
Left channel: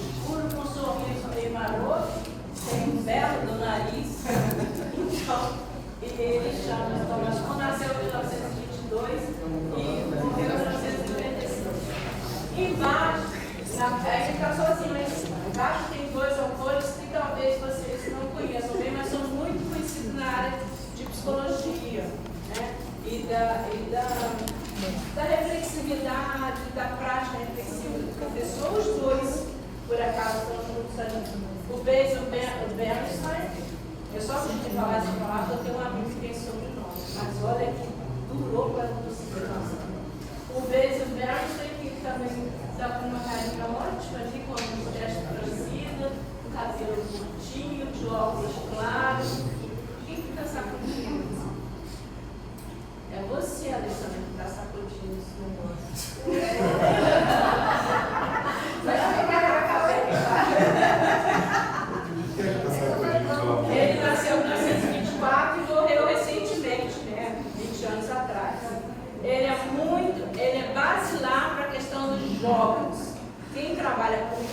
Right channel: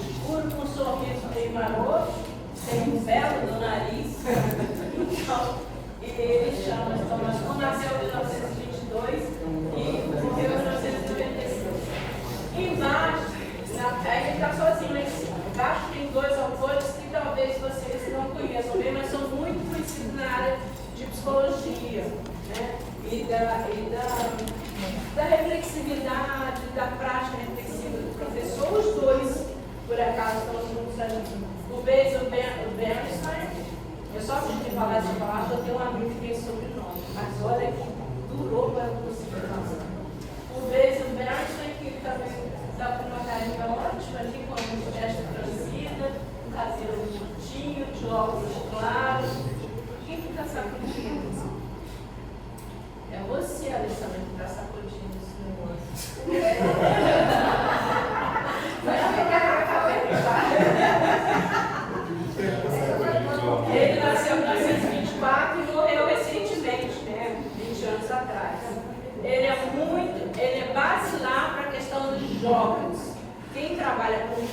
escuro, com um sorriso meio maroto, tem um belo do nariz. Então, ele chama Thomas Kuhn, nasceu em 1922 e morreu em 1995. Embaixo, ele está sozinho lá em cima. Embaixo tem dois autores que talvez vocês não conheçam bem, mas são muito conhecidos na área de psicologia, né? E da reflexividade, da prática reflexiva do professor. Os dois, por acaso, estão juntos ali. O Basil Bernstein, eu só consegui falar essa palavra porque um amigo que tem sobrenome, mas olha que durou para conseguir falar. O Basil Bernstein, que também está com uma carinha ótima, ali com uma testa franzida, um cabelo curtinho, de óculos claros. Quem fica sacudindo? É você, Alessandra, que está sacudindo esse negócio. Ele nasceu em 1924 e morreu recentemente, né? 20 anos atrás. Ele é basilar para a questão dos jogos. Quem trabalha com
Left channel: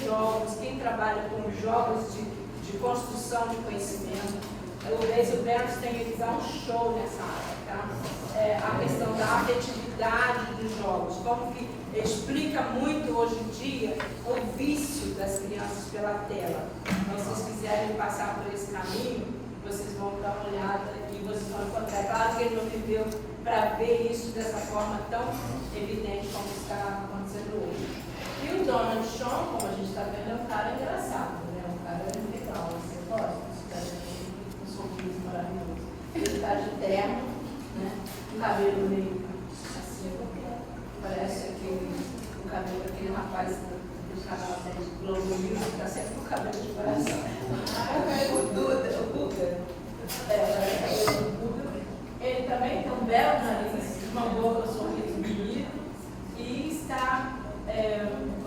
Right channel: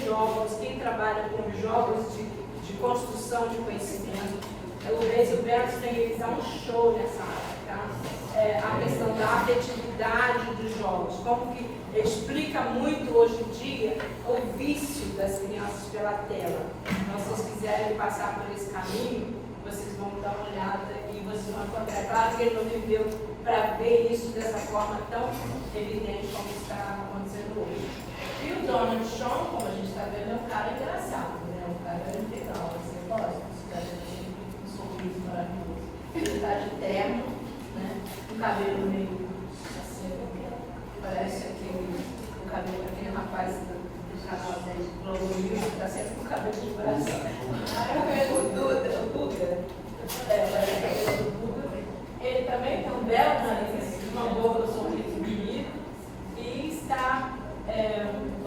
jogos de construção de conhecimento, o Basil Bernstein, ele dá um show nessa área, tá? A questão da afetividade dos jogos, como que explica muito hoje em dia o vício das crianças pela tela. Então, se vocês quiserem passar por esse caminho, vocês vão dar uma olhada e vocês vão encontrar. Claro que ele não viveu para ver isso dessa forma tão evidente como está acontecendo hoje. E o Donald Schoen, como a gente está vendo, é um cara engraçado, né? É um cara legal, você gosta, esse cara tem um sorriso maravilhoso. Ele está de terno, né? Um cabelo meio assim, parece o cabelo daquele rapaz do canal de Globo News, que está sempre com o cabelo de braço. O Guga. Parece o cabelo do Guga. Ele também tem um belo nariz, uma boca, um sorriso bonito, e está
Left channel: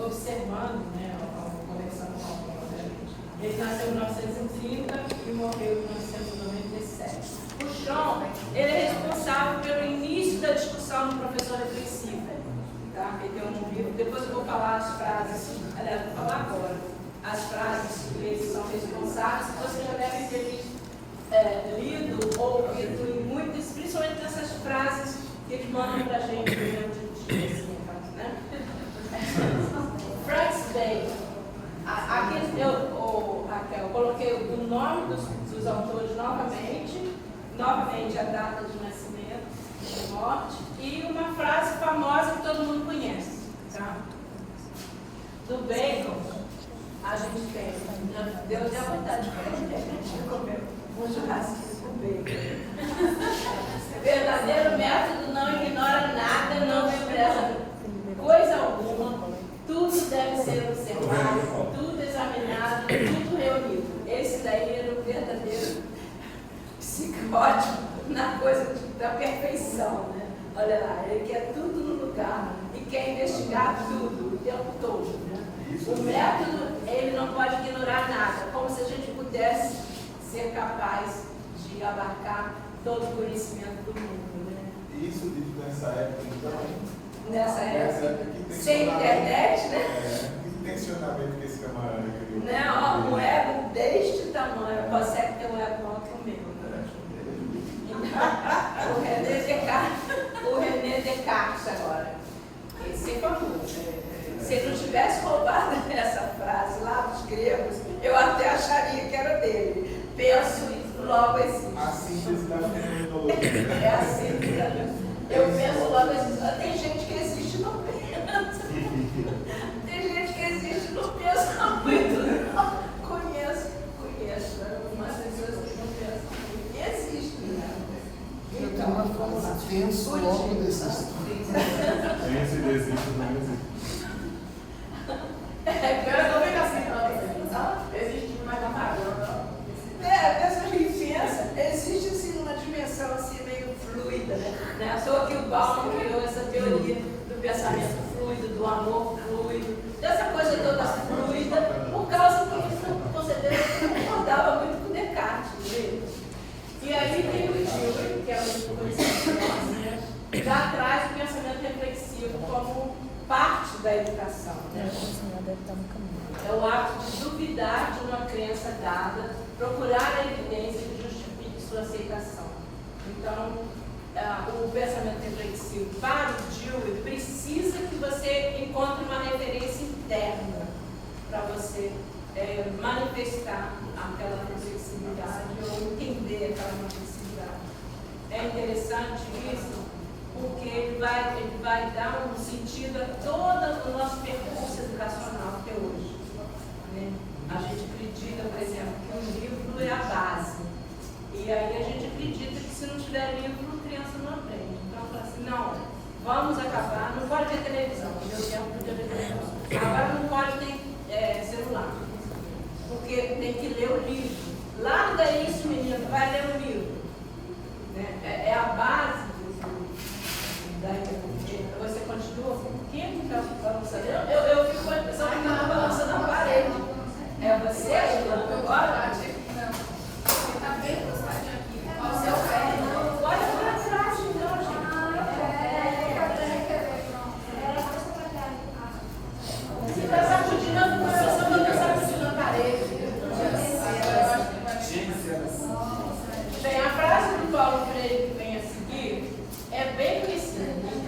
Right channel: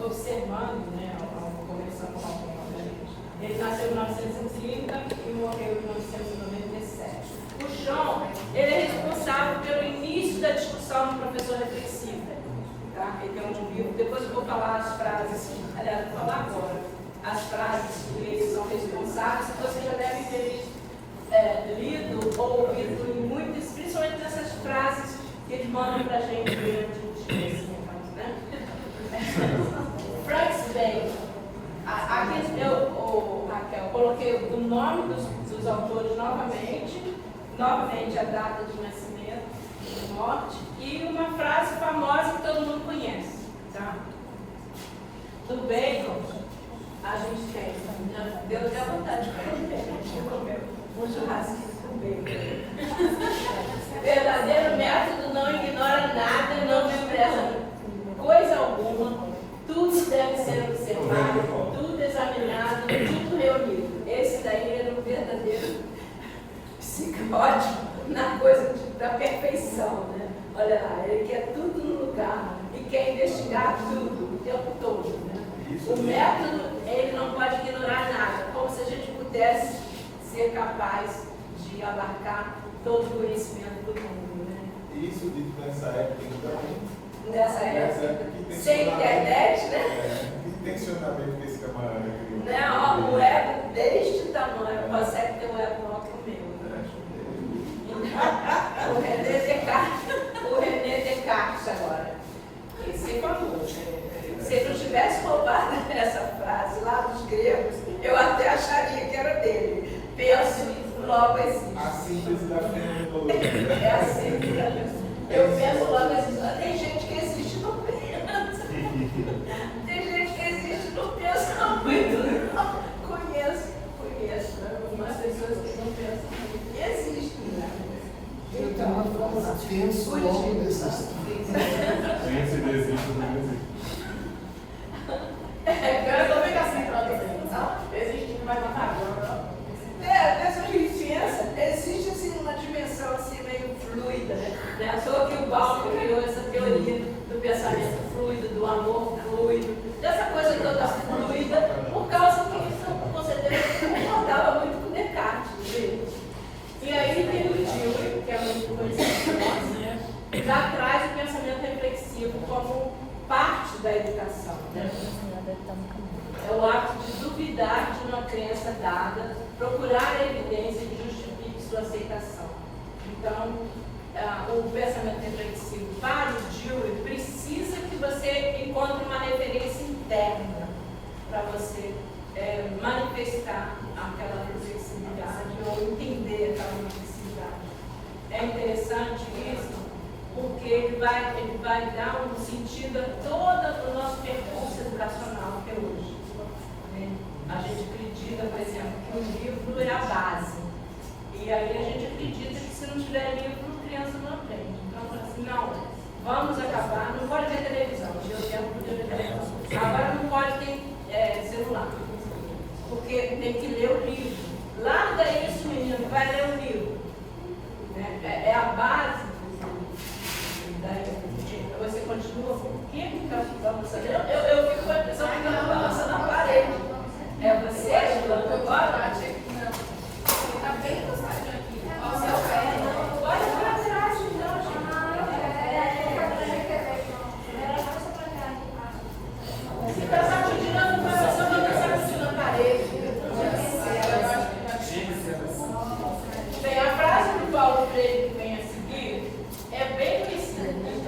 observando, né, conversando com a gente. Ele nasceu em 1930 e morreu em 1997. O Schoen, ele é responsável pelo início da discussão no professor reflexivo. Tá? Ele tem um livro, depois eu vou falar as frases, aliás, vou falar agora, as frases que eles são responsáveis, que você já deve ter lido ou ouvido em muitas, principalmente nessas frases que eles mandam para a gente durante o dia, assim, né? Francis Bacon. Aqui eu coloquei o nome dos autores novamente a data de nascimento, de morte, e uma frase famosa que todo mundo conhece. Tá? Do Bacon, a gente tem, deu até vontade de comer um churrasquinho com bacon. Verdadeiro método não ignora nada, não despreza coisa alguma, tudo deve ser observado, tudo examinado, tudo reunido. Esse daí era o verdadeiro psicótico na coisa da perfeição, né? Olha lá, ele quer tudo no lugar e quer investigar tudo o tempo todo, né? O método, ele não pode ignorar nada, como se a gente pudesse ser capaz de abarcar todo o conhecimento do mundo, né? Isso dito nessa época, então. Nessa época, sem internet, né? Que tensionamento que esse camarada criou. Não, o ego deste tamanho, consegue ter um ego maior que o meu. O René Descartes agora. Esse é famoso. Se ele não tivesse roubado essa frase lá dos gregos, eu até acharia que era dele. Penso e logo existe. A síntese da fenomenologia. É a síntese. Eu penso logo existe. Tem gente que existe e não pensa. Tem gente que existe e não pensa muito. tenso, logo desisto. Tem esse desejo, não existe. Eu também assim pra você. Existe, mas não tá. Essa licença existe assim uma dimensão assim meio fluida, né? À toa que o Paulo criou essa teoria do pensamento fluido, do amor fluido, dessa coisa toda fluida, por causa que isso, com certeza, concordava muito com Descartes, né? E aí tem o Dewey, que é muito conhecido, né? Já traz o pensamento reflexivo como parte da educação, né? É o ato de duvidar de uma crença dada, procurar a evidência que justifique sua aceitação. Então, o pensamento reflexivo para o Dewey precisa que você encontre uma referência interna para você manifestar aquela reflexividade ou entender aquela reflexividade. É interessante isso, porque ele vai dar um sentido a todo o nosso percurso educacional até hoje. Né? A gente acredita, por exemplo, que o livro é a base. E aí a gente acredita que se não tiver livro, a criança não aprende. Então, fala assim, não, vamos acabar, não pode ter televisão, deu tempo de ter televisão. Agora não pode ter celular, porque tem que ler o livro. Larga isso, menino, vai ler o livro. Né? É a base você continua com o que está balançando? Eu fico com a impressão que está balançando na parede. É você ajudando agora? Não. Está bem encostadinho aqui. Olha o seu pé. Olha para trás, então, gente. Você está sacudindo a professora, não está sacudindo a parede. Bem, a frase do Paulo Freire que vem a seguir é bem conhecida.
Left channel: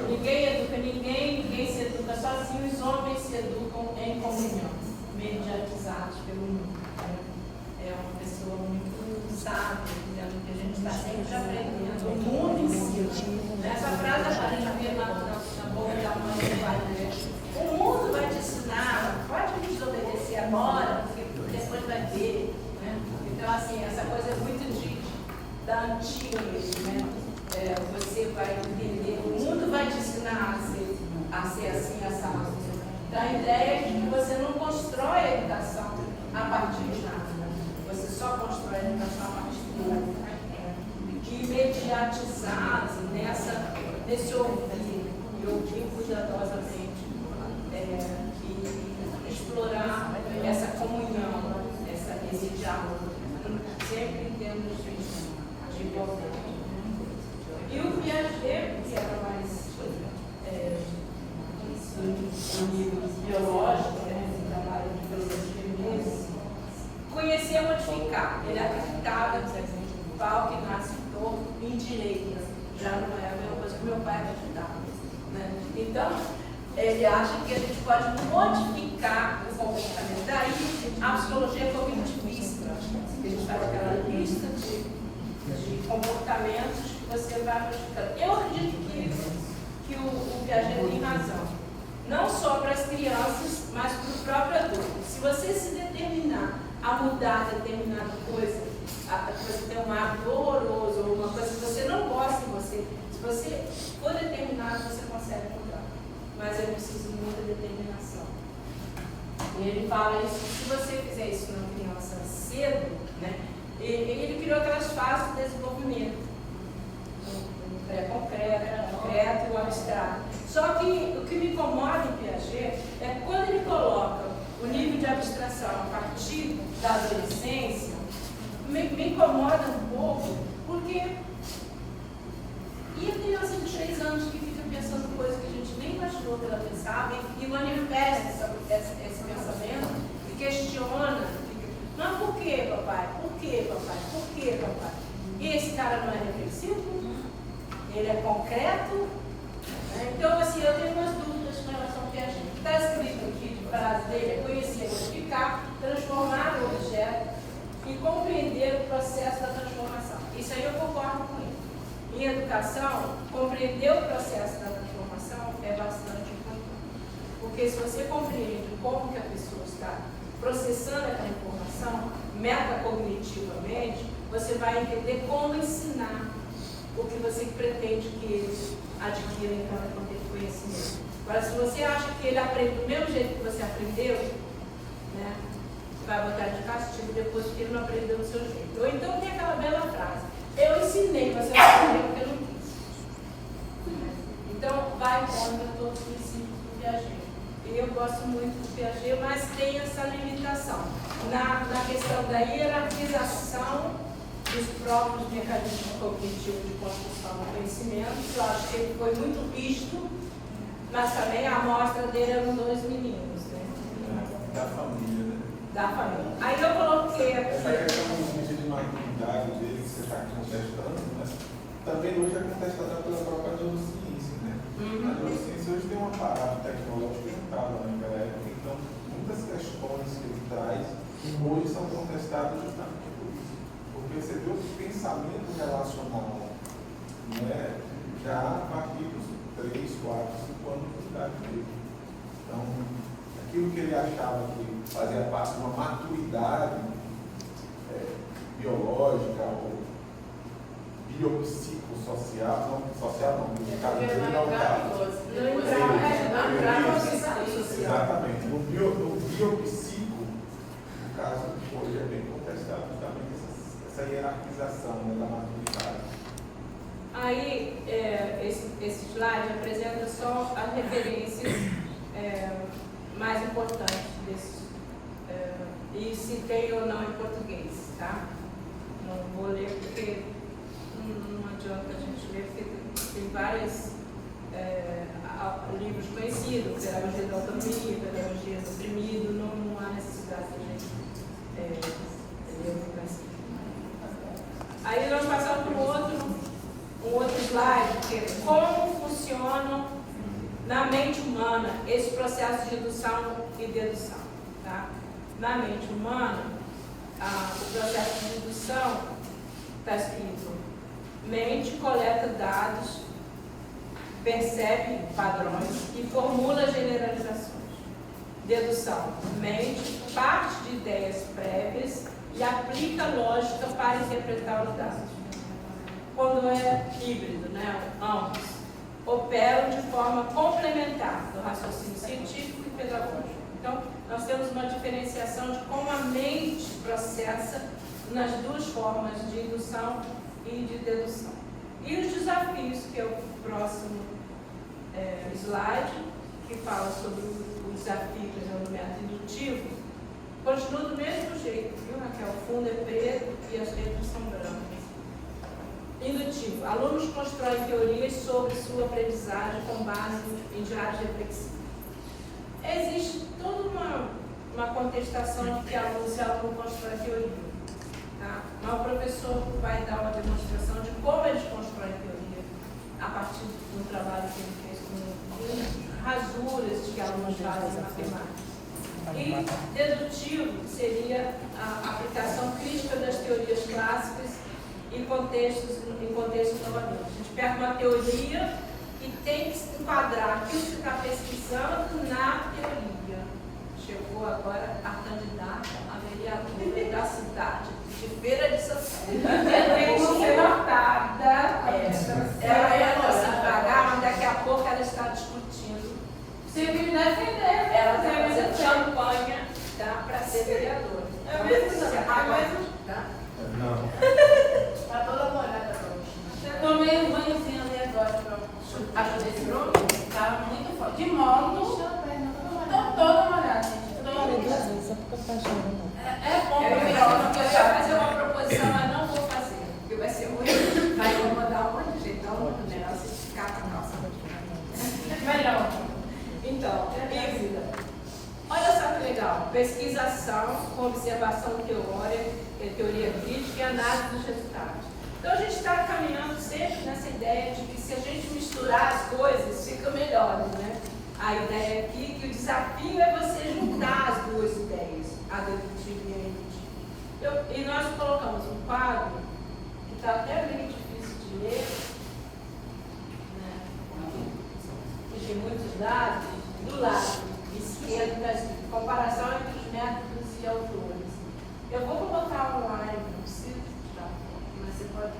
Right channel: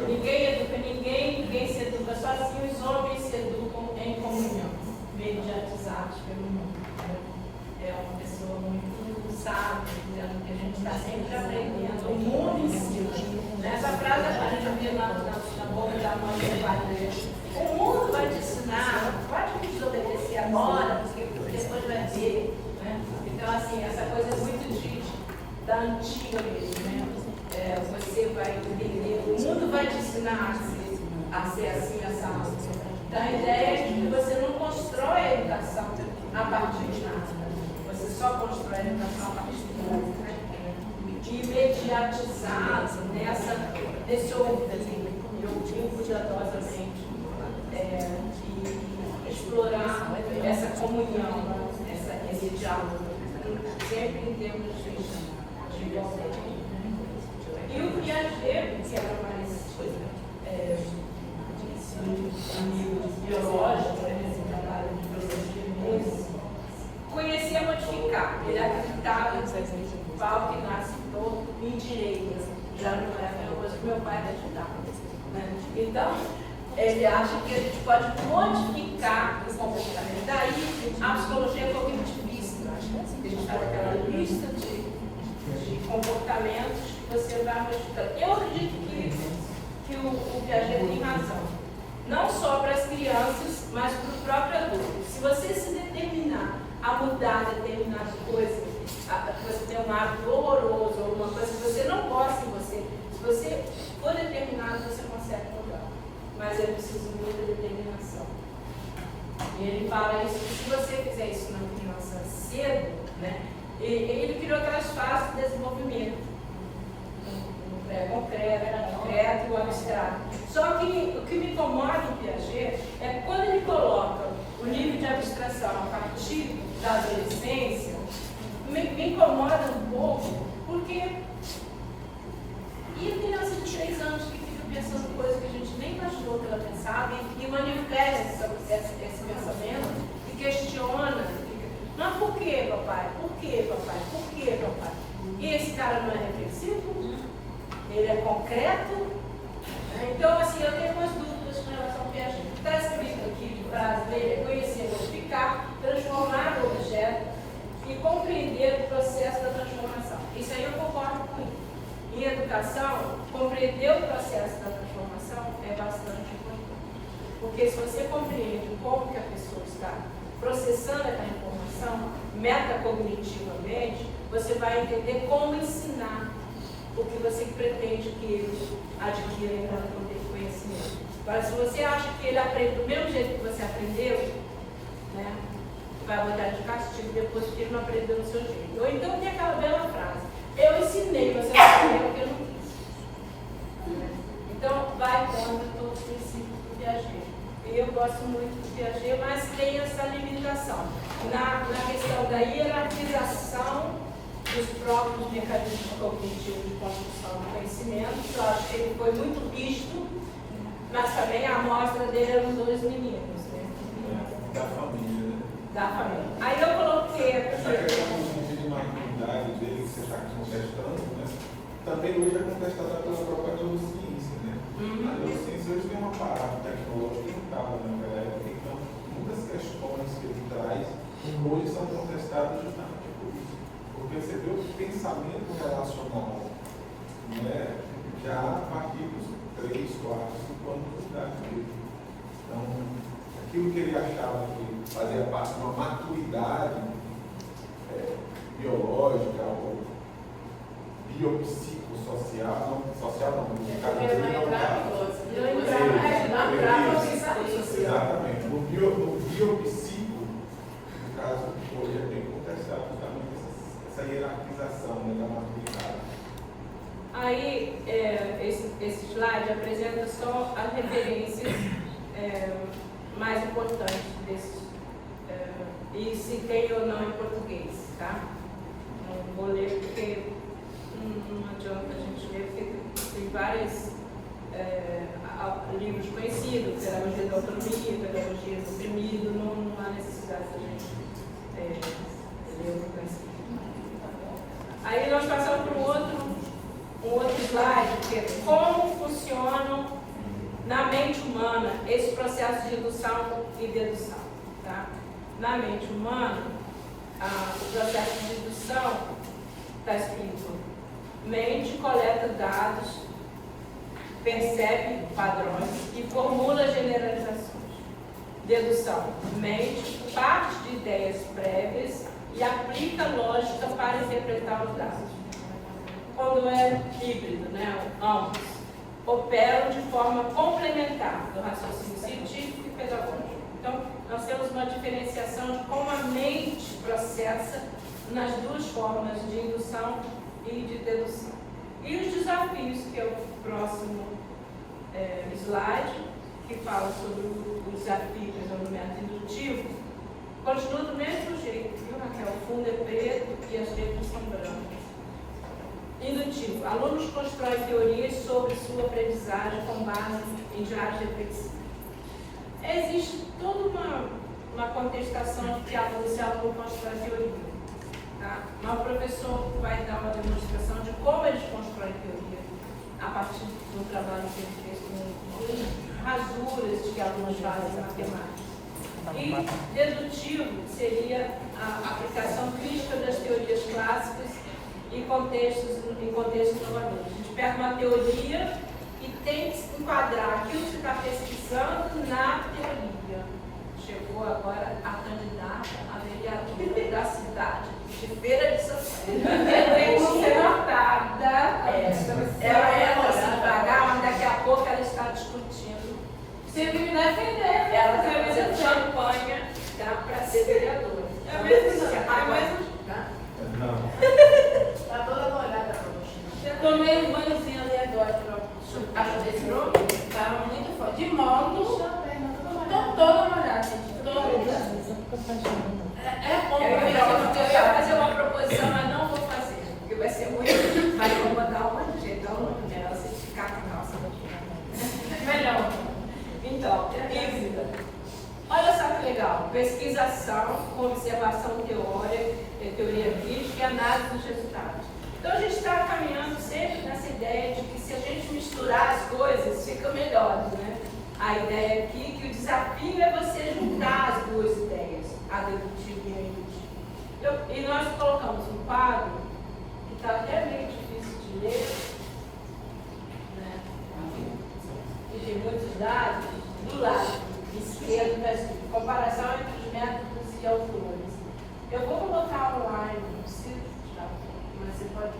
Ninguém educa ninguém, ninguém se educa sozinho, os homens se educam em comunhão, mediatizados pelo mundo. É uma pessoa muito sábia, dizendo que a gente está sempre aprendendo, o mundo ensina. Essa frase a gente vê na boca da mãe do pai. O mundo vai te ensinar, pode desobedecer agora, porque depois vai ver. Né? Então, assim, essa coisa é muito da antiga mesmo, né? Você vai entender, o mundo vai te ensinar a ser assim, assado. Então, a ideia é que você não constrói a educação a partir de nada. Você só constrói a educação a partir de nada. De imediatizado nesse ouvir cuidadosamente e explorar essa comunhão, esse diálogo, sempre em termos de igualdade. E o Piaget, que era mais biológico, da área de biologia mesmo, conhecia modificar. Ele acreditava que o pau que nasce torto em direita. Já não é a mesma coisa que meu pai acreditava. Né? Então, ele acha que a gente pode modificar o comportamento. Daí, a psicologia cognitivista. A gente faz aquela lista de comportamentos que você vai modificando. Eu acredito que o Piaget tem razão. Não só para as crianças, mas para o próprio adulto. Se você se determinar a mudar determinada coisa, você tem um hábito horroroso, ou uma coisa que você não gosta em você, se você for determinado, você consegue mudar. Mas é preciso muita determinação. E ele fala isso, que se você fizer isso na criança cedo, né, ele criou aquelas fases de desenvolvimento. O pré-concreto e o abstrato. Só que o que me incomoda em Piaget é quando ele coloca o nível de abstração a partir da adolescência, me incomoda um pouco, porque e a criança de 3 anos que fica pensando coisas que a gente nem imaginou que ela pensava e manifesta esse pensamento e questiona, mas por que, papai? Por que, papai? Por que, papai? E esse cara não é reflexivo? Ele é concreto? Então, assim, eu tenho umas dúvidas com relação ao Piaget. Está escrito aqui, de frase dele, é conhecer, modificar, transformar o objeto e compreender o processo da transformação. Isso aí eu concordo com ele. Em educação, compreender o processo da transformação é bastante importante. Porque se você compreende como que a pessoa está processando aquela informação metacognitivamente, você vai entender como ensinar. o que você pretende que ele adquira em cada conhecimento. Agora, se você acha que ele aprende do mesmo jeito que você aprendeu, né, vai botar de castigo depois que ele não aprendeu do seu jeito. Ou então tem aquela bela frase: eu ensinei, você não aprendeu porque eu não quis. Então, vai contra todos os princípios do Piaget. Eu gosto muito do Piaget, mas tem essa limitação. Na questão da hierarquização dos próprios mecanismos cognitivos de construção do conhecimento, eu acho que ele foi muito rígido, mas também a amostra dele eram 2 meninos, né? Da família, né? Da família. Aí eu coloquei aqui. Essa questão do sentido de maturidade dele que você está contestando, né? Também hoje é contestada pela própria neurociência, né? A neurociência hoje tem uma parada tecnológica que não estava naquela época, então muitas questões que ele traz hoje são contestadas justamente por isso. Porque você vê o pensamento relacional, né? Já a partir dos 3, 4, 5 anos de idade dele. Então, aquilo que ele achava que fazia parte de uma maturidade biológica ou biopsicossocial, não social não, no caso dele não social. Exatamente. No biopsico, no caso, hoje é bem contestado justamente essa hierarquização, né, da maturidade. Aí, esse slide apresenta só as referências mais importantes desses, e se tem ou não em português, tá? Não vou ler porque não adianta a gente ler, porque tem vários livros conhecidos, Pedagogia da Autonomia, Pedagogia do Oprimido, não há necessidade de a gente ler o conhecimento. Aí nós passamos para um outro slide, que é como funcionam na mente humana esse processo de indução e dedução. Tá? Na mente humana, o processo de indução está escrito: mente coleta dados, percebe padrões e formula generalizações. Dedução: mente parte de ideias prévias e aplica lógica para interpretar os dados. Quando é híbrido, né, ambos operam de forma complementar do raciocínio científico e pedagógico. Então, nós temos uma diferenciação de como a mente processa nas 2 formas de indução e de dedução. E os desafios, que é o próximo slide, que fala sobre os desafios do método indutivo, continua do mesmo jeito, viu, Raquel? O fundo é preto e as letras são brancas. Indutivo. Alunos constroem teorias sobre sua aprendizagem com base em diários reflexivos. Existe toda uma contestação que se aluno constrói teoria. Tá? Mas o professor vai dar uma demonstração de como eles constroem teoria a partir do trabalho que ele fez com rasuras que alunos fazem em matemática. E dedutivo seria a aplicação crítica das teorias clássicas em contextos inovadores. A gente pega uma teoria e tem que enquadrar aquilo que está pesquisando na teoria. Chegou agora a candidata a vereadora da cidade de Feira de Santana. Tem que ser notada. Ela é nossa devagar, mas daqui a pouco ela está discutindo. Se me defender, Ela está fazendo campanha para ser vereadora. É mesmo? Tá? Não. Tá toda molhada hoje. Tomei um banhozinho ali agora. Achou desse nome? Tava muito forte. De modo, tô toda molhada, gente. Toda molhada. É bom Eu pra ia fazer uma proposição, mas não vou fazer, porque vai ser muito. Mas eu vou dar uma de jeito, dela, se ficar com calça. melhor. Então, híbrida. Olha só que legal. Pesquisação, observação teoria crítica e análise dos resultados. Então, a gente está caminhando sempre nessa ideia de que se a gente misturar as coisas, fica melhor, né? A ideia aqui que o desafio é você juntar as 2 ideias, a dedutiva e a indutiva. E nós colocamos um quadro que está até meio difícil de ler, né? Que tem muitos dados, do lado esquerdo está escrito comparação entre os métodos e autores. Eu vou colocar online, não precisa, mas você pode.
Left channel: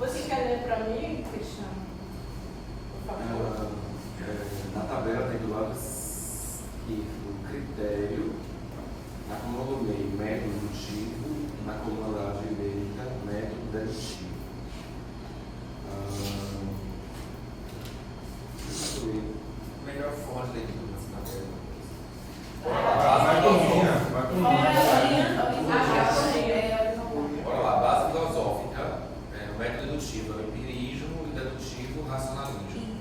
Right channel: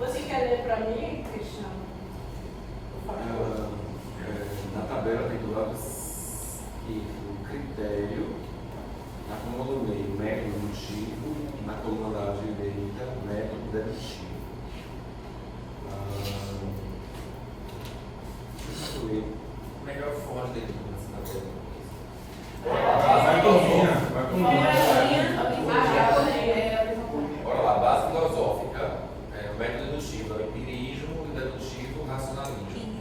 Você quer ler ler para mim, Cristiano? Por favor. Na tabela tem do lado esquerdo critério, na coluna do meio, método dedutivo, na coluna da direita, método dedutivo. Melhor forma de leitura nessa tabela. Vai combina. Bora lá, base filosófica, o método dedutivo é o empirismo e dedutivo racionalismo.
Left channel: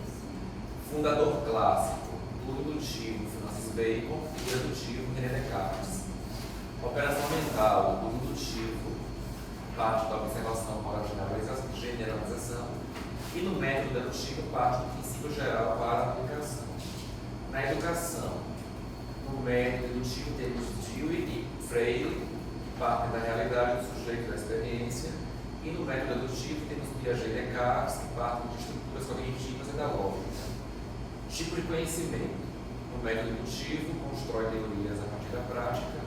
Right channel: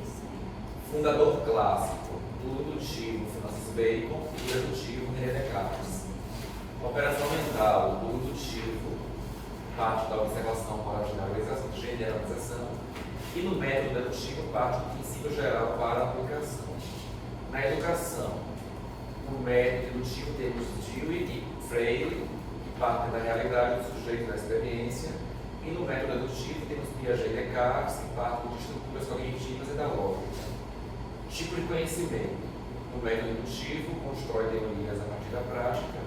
Fundador clássico, o dedutivo Francis Bacon e o dedutivo René Descartes. Operação mental, o dedutivo parte da observação para a generalização e no método dedutivo parte do princípio geral para a aplicação. Na educação, no método dedutivo temos Dewey e Freire, que partem da realidade do sujeito da experiência, e no método dedutivo temos Piaget e Descartes, que partem de estruturas cognitivas e da lógica. Tipo de conhecimento. No método dedutivo, constrói teorias a partir da prática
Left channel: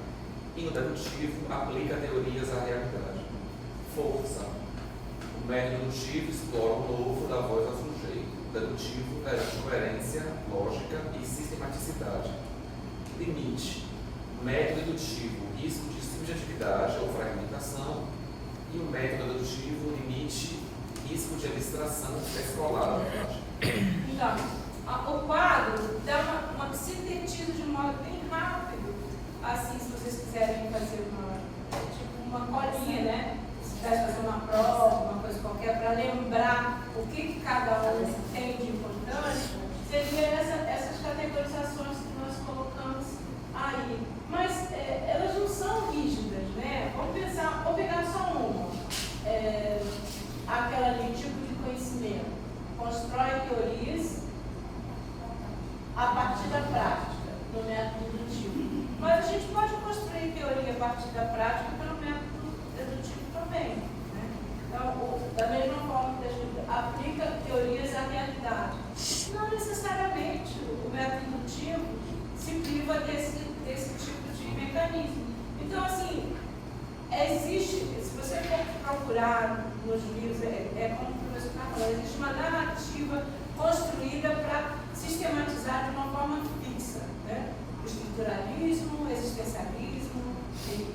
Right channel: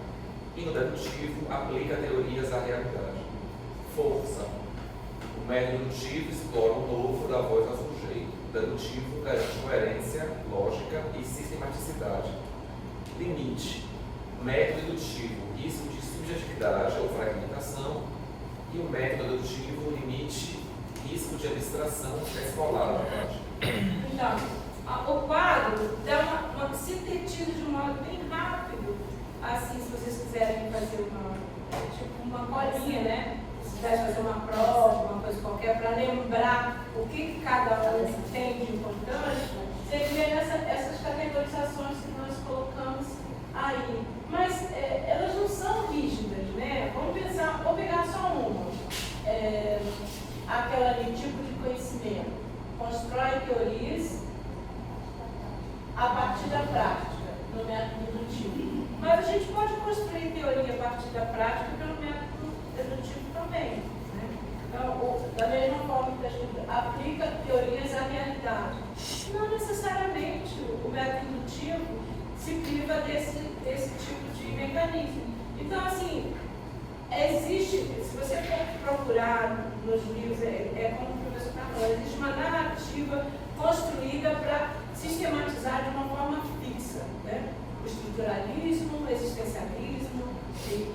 e no dedutivo, aplica teorias à realidade. Força. O método dedutivo explora o novo da voz ao sujeito. O dedutivo garante coerência, lógica e sistematicidade. Limite. Método dedutivo, risco de subjetividade ou fragmentação. E o método dedutivo, limite, risco de abstração escolar da prática. Então, o quadro dá uma sintetiza de um modo bem rápido, assim, se vocês quiserem fazer uma colinha, né? Se quiser fazer uma prova, uma coisa qualquer, para lembrar o que cada um tem de importante, seria essas categorizações que nós colocamos aí. Mas elas não são rígidas, né? Vamos pegar só uma. Aquela ali, tipo de conhecimento. Constrói teorias a partir da prática, no método dedutivo. Mas a gente pode construir teoria a partir da prática pelo método dedutivo também. Né? Então, da mesma forma que a gente aplica teorias à realidade, não necessariamente o método dedutivo se priva desse tipo de mecanismo. Então, assim, existe, se você for procurar nos livros, como o professor está falando, existe uma narrativa construída para sistematizar de uma forma fixa, né? O estruturalismo, o existencialismo,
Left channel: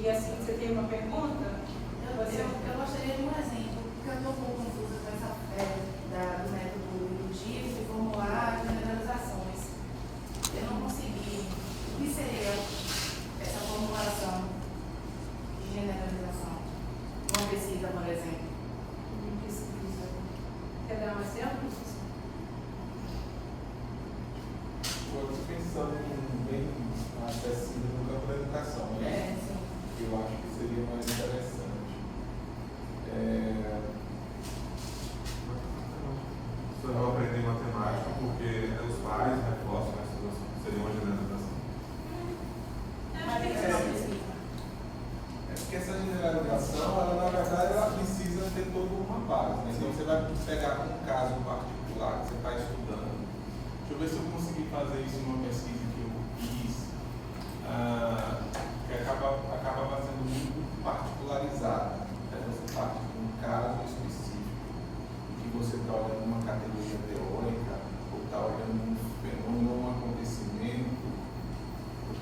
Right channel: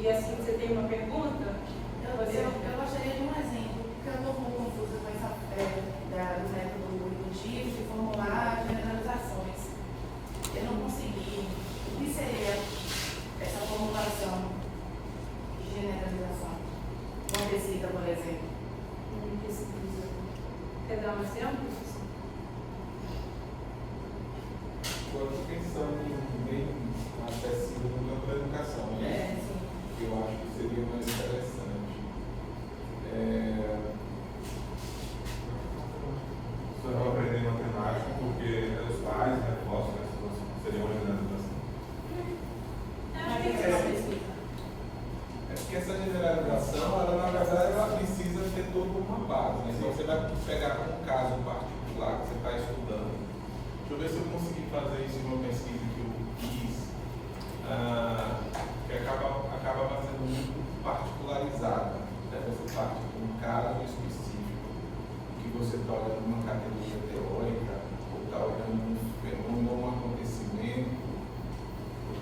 e assim, você tem uma pergunta? Eu gostaria de um exemplo, porque eu estou um pouco confusa com essa do método dedutivo de formular generalizações. Eu não consegui. O que seria essa formulação de generalização? Uma pesquisa, por exemplo. Uma pesquisa. Quer dar um exemplo? Estou pensando em um bem acessível no campo da educação, né? Eu acho que seria mais interessante. As pessoas vão aprender matemática porque os pais reforçam que seria uma generalização. É porque essa generalização, ela, na verdade, ela precisa ter toda uma base, né? Então você vai pegar um caso particular que você está estudando. Deixa eu ver se eu consegui fazer isso numa pesquisa que eu fiz, que acaba sendo muito particularizada. Né? Você parte de um caso específico, que você está olhando uma categoria teórica, ou está olhando um fenômeno, um acontecimento,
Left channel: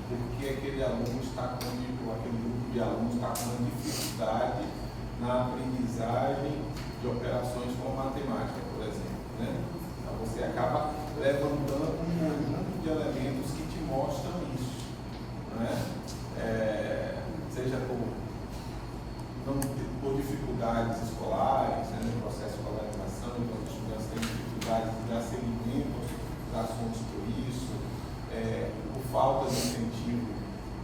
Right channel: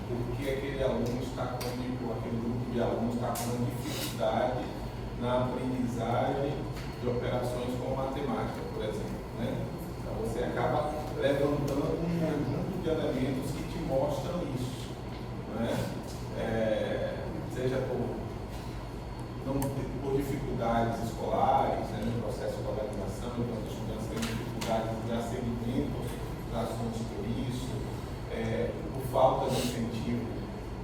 porque aquele aluno está com, aquele grupo de alunos está com dificuldade na aprendizagem de operações como matemática, por exemplo. Né? Então você acaba levantando um conjunto de elementos que te mostram isso, né? Seja por dificuldades escolares, né, no processo de escolarização, então os estudantes têm dificuldade de dar seguimento aos assuntos por isso, por falta de incentivo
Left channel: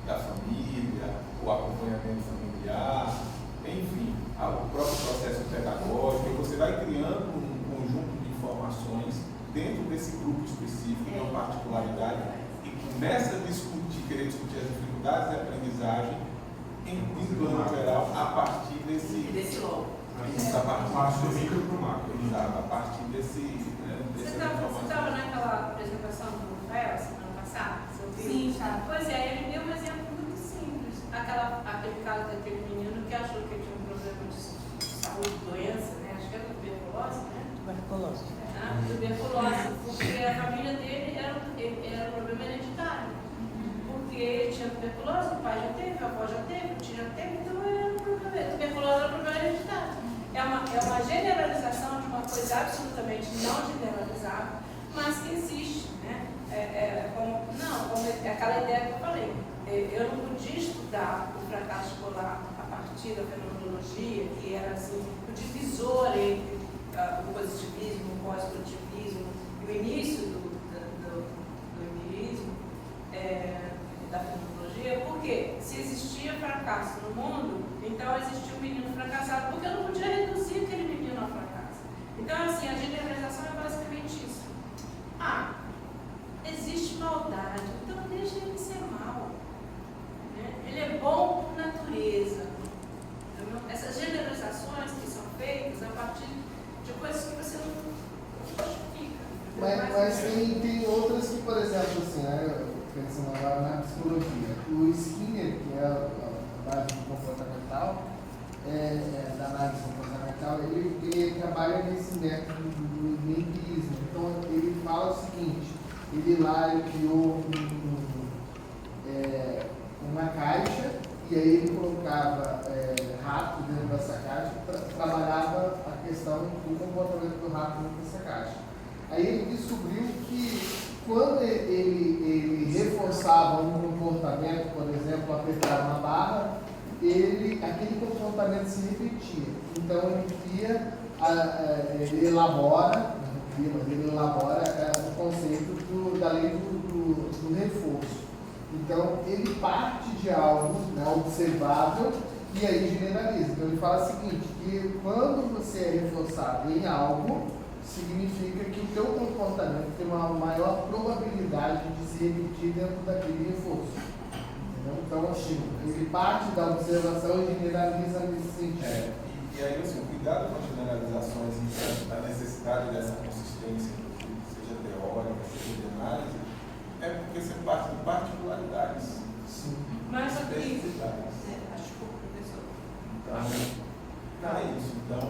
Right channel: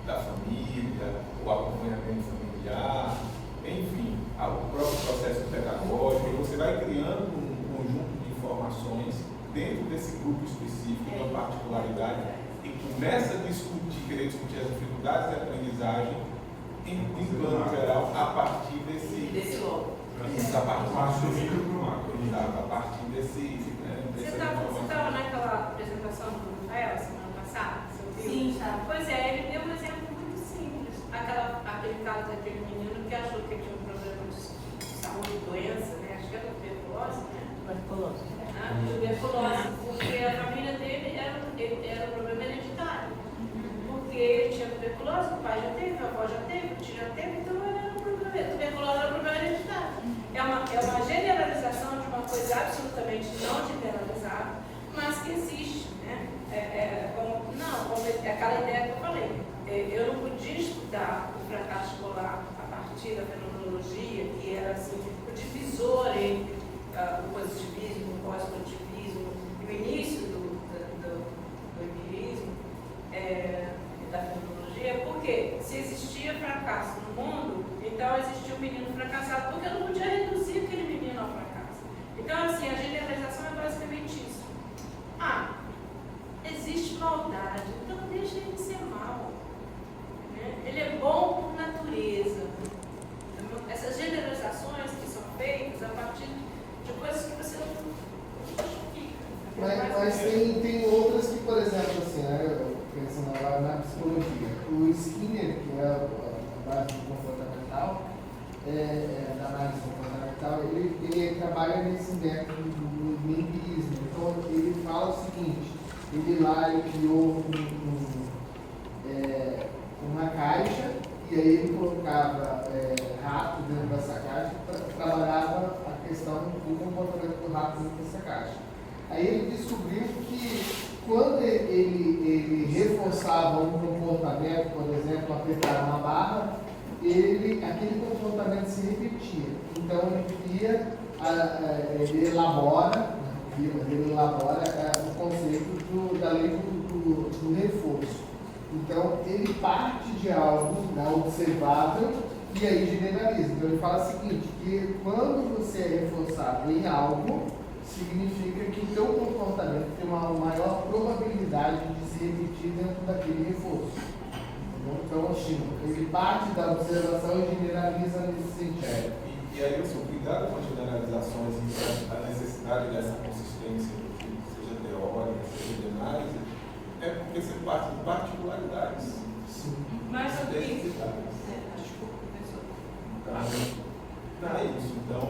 da família, o acompanhamento familiar, enfim, o próprio processo pedagógico, e você vai criando um conjunto de informações dentro desse grupo específico, de uma particularidade, e começa a querer discutir as dificuldades de aprendizagem em plano geral, a partir desse logo. A partir do micro para o macro. Exato, a partir desse. Você estava naquela apresentação do Rafael semana passada? Sim, está. Pois é, ele deu um exemplo muito simples. Aquele caso daquele menino que achou que tinha um problema de saúde, doença, né? Acho que é tuberculose, né? Tuberculose. Tuberculose, porque a família dele era um problema hereditário. Porque ele tinha tuberculose, o pai já teve, a avó já teve, o tio já teve, então era um problema. Tuberculose era um problema hereditário. É uma generalização de uma coisa absolutamente não generalizável, mas que existe, né? Como aquela ideia que eu falei. Eu não podia estudar o fracasso escolar a partir da fenomenologia, que era assim, o divisor entre o positivismo, o pós-positivismo e o início do empirismo, da fenomenologia, porque se existia fracasso no mundo, então existia um menino fracassado, porque eu não podia reduzir aquele menino ao fracasso. Então, assim, a generalização é basicamente isso. Existe maldade, então deixa ele ser mal. Né? Ele é bom por natureza. Essas generalizações que são feitas a partir de coisas que você não justifica. Mas tem outras que, por exemplo, assim, né, pensando agora na psicologia, o Skinner, que é a base comportamental, da análise comportamental, ele trabalha nesse método do empirismo. Então, ele fala o seguinte: ele lá criou uma caixa, e aí ele colocava rato dentro dessa caixa, trabalhava a questão do comportamento do rato dentro dessa caixa. Aí ele descobriu que quando ele reforçava um comportamento, por exemplo, apertar uma barra, aquele comportamento se repetia. Então ele elabora o conceito da lei do reforço. Então ele parte de algo observável e aí generaliza. Então ele fala o seguinte, que quando você é reforçado em algo, significa que o teu comportamento tem uma maior probabilidade de se repetir dentro daquele reforço. Entendeu? Então, ele parte da observação e generaliza nesse sentido. E aí, assim, o cuidado com as generalizações e a necessidade dessa consistência, seja teórica, seja de análise, é porque você parte de particularidades. Sim. Mas especificidades. desculpa, professor. Então, não é isso. Então,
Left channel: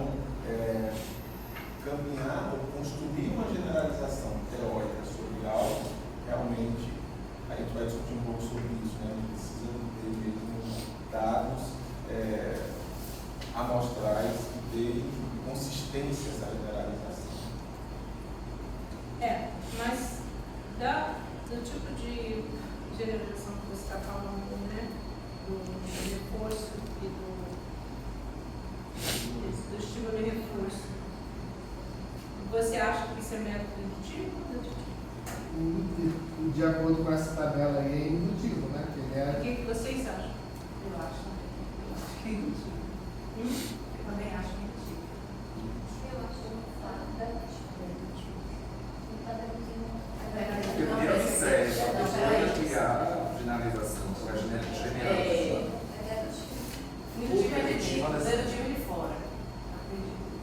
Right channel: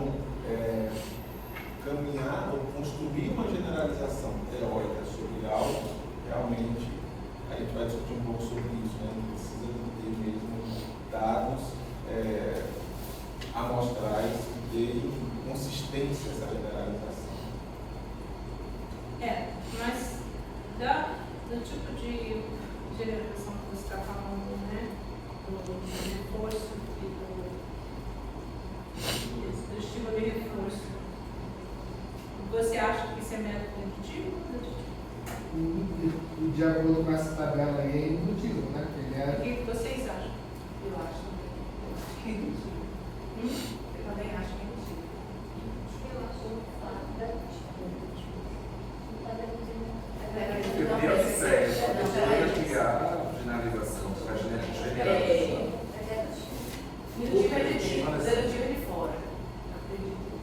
caminhar ou construir uma generalização teórica sobre algo, realmente, a gente vai discutir um pouco sobre isso, né? A gente precisa ter mesmo dados amostrais que deem consistência a essa generalização. Mas do tipo de generalização que você está falando, né? Do reforço e do estímulo e reforço. Você acha que isso é método indutivo ou dedutivo? De acordo com essa tabela aí, é indutivo, né? O que vocês acham? Eu acho que é indutivo. Eu também acho que é indutivo. Porque o dia certo, a pessoa criar a finalização, a generalização. Dedutivo de fora.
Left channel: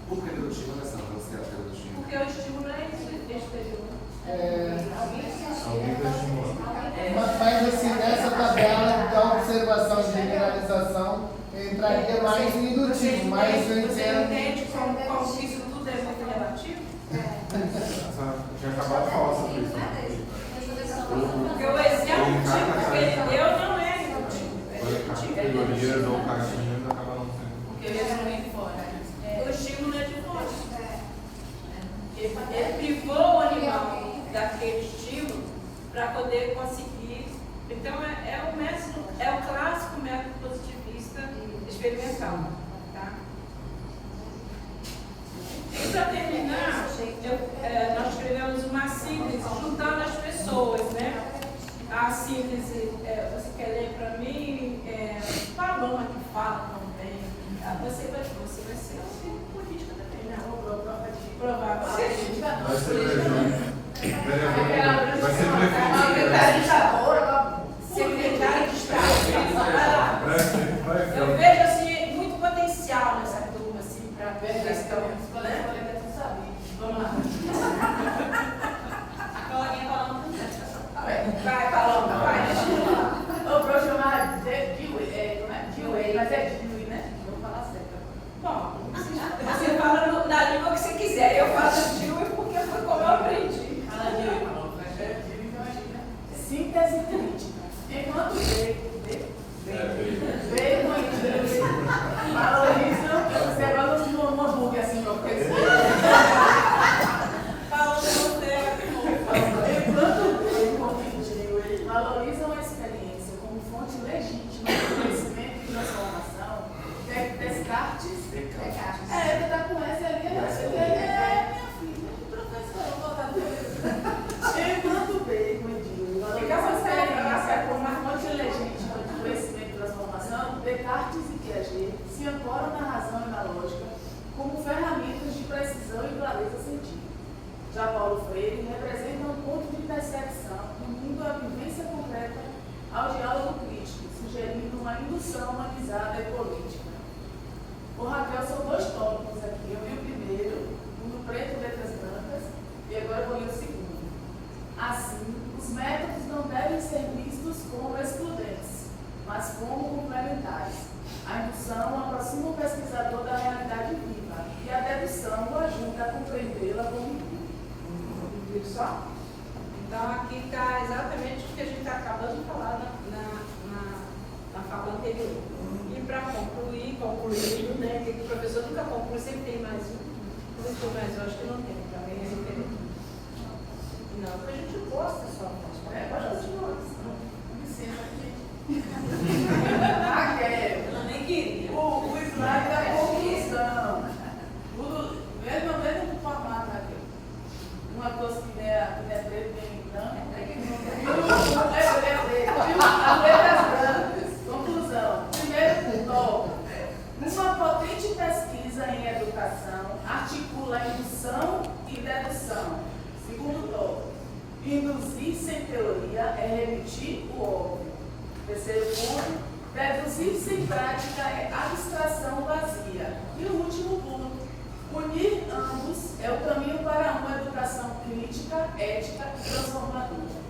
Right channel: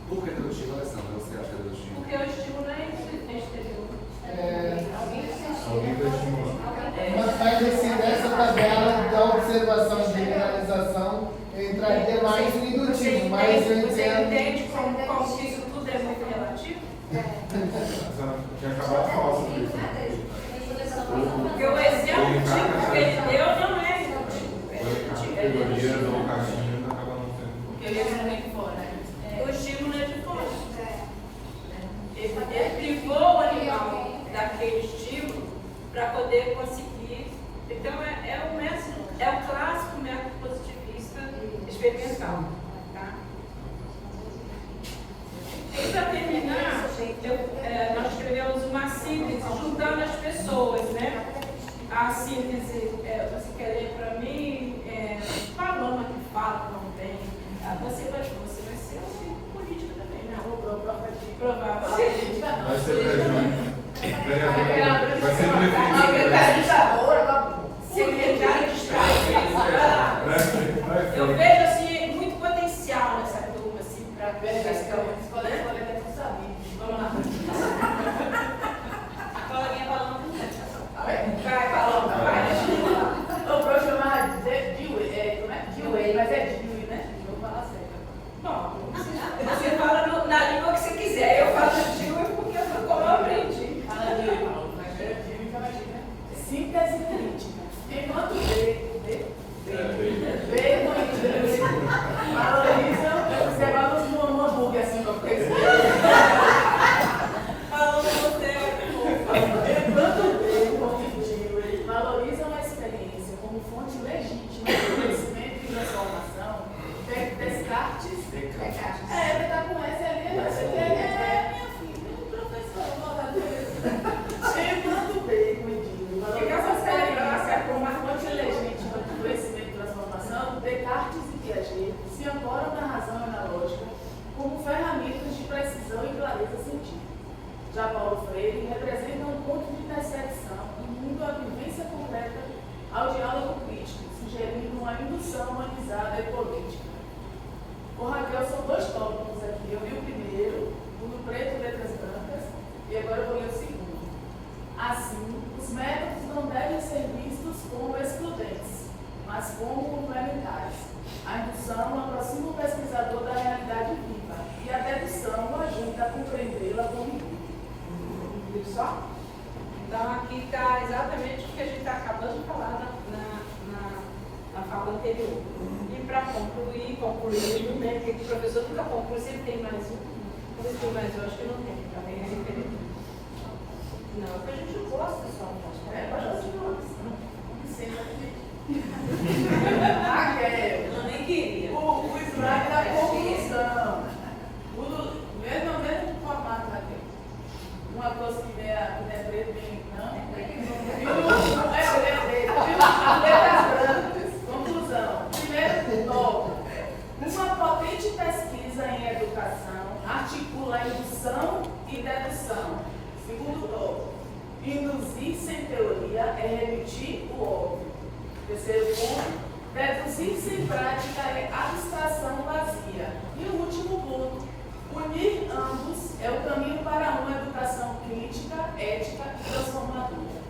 Por que dedutivo, Alessandra? Você acha que é dedutivo? Porque o estímulo é exterior. Mas assim, nessa tabela da observação de generalização entraria mais no indutivo, mas eu Você entendo. entende como que isso tudo é muito relativo? Tinha acabado de falar sobre isso. Porque o exemplo que ele deu não é relativo. Categorias ou caixinhas acabam não sendo. Porque o estímulo é de fora. O estímulo é de fora. Ele privou o animal daquele estímulo para poder conseguir. Então é o clássico método positivista experimental. Tá? E para terminar, nós escrevemos uma síntese juntando as pessoas, né? A síntese, você quer ler para mim? Paloma que fala também. Você vai ser assim, política também, né? Provavelmente. Vai ser vereador. Vai ser prefeito. Secretário de Estado. Eu vejo assim, muito potencial nessa turma, assim, para ver essa Vamos lá. A coleguinha Paloma também. Vai, Paloma, vai, deixa eu falar. Eu vou chamar de Dewey, mas é Dewey, né? Vou falar certo. Bom, você fala na língua que você quiser. Eu falo Dilma porque foi como eu aprendi. Síntese crítica. Enquanto veio valoriza, você agora não um hambúrguer assim pra crescer. Falando você. Enquanto veio, valorizam a experiência como fonte legítima de conhecimento e transformação, Descartes. Ele tá com essa ali, minha filha, professor, eu vou dar enquanto Bacon e Dewey valorizam a experiência como uma fonte legítima de conhecimento e transformação, Descartes e Piaget se ancoram na razão e na lógica como ferramentas de precisão e clareza científica. Já Paulo Freire representa um ponto de intersecção, unindo a vivência concreta ao diálogo crítico, sugerindo uma indução humanizada e política. Ô Raquel, são dois tópicos aqui. Eu vi o primeiro, Mundo Preto e Letras Brancas, e agora eu vou ler o segundo. Assim, os métodos não devem ser vistos como excludentes, mas como complementares. A indução aproxima o pesquisador da realidade viva e a dedução o ajuda a compreendê-la com rigor. Viu só? Então aqui está exatamente o que a gente está acabando de falar na fala anterior. E para concluindo, né? Porque o professor nunca conclui, sempre tem mais um. Talvez tem mais um, acho que não tem, também é diferente. Não, porque a gente gosta só. A gente gosta. Licença aqui. Eu nem queria. O slide da conclusão. Mesmo formato aqui. Uma coisa que é preto, bem não. Letras brancas. Conclusão. Primeiro tópico. Uma potente pesquisa em educação articula indução e dedução. Segundo tópico. Induzir sem teoria é remitir o óbvio. Terceiro ponto. Deduzir sem prática é abstração vazia. E o último ponto. Unir ambos é o caminho para uma educação crítica, ética e transformadora.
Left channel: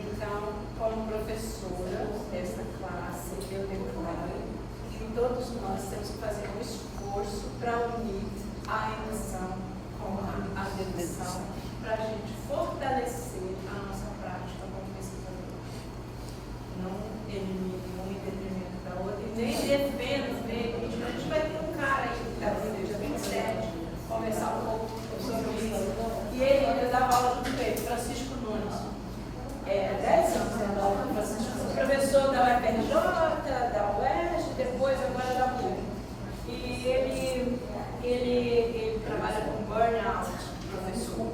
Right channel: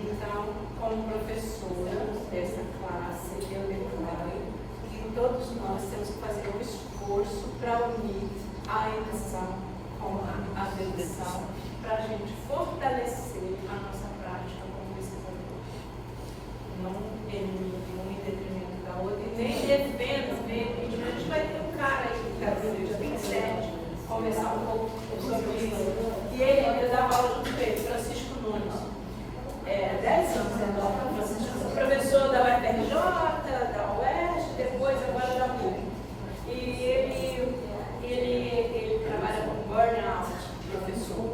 Então, como professora dessa classe, eu declaro que todos nós temos que fazer um esforço para unir a indução com a dedução, para a gente fortalecer a nossa prática como pesquisadores. Não elimine um em detrimento da outra, e nem devendo ver. A gente vai ter um cara aí que está no dia 27, conversar um pouco sobre isso. E ele, eu dava aula junto com ele, Francisco Nunes. 10 anos, né? Professor da UFRJ, da UERJ, depois agora da PUC. E ele trabalha com burnout, professor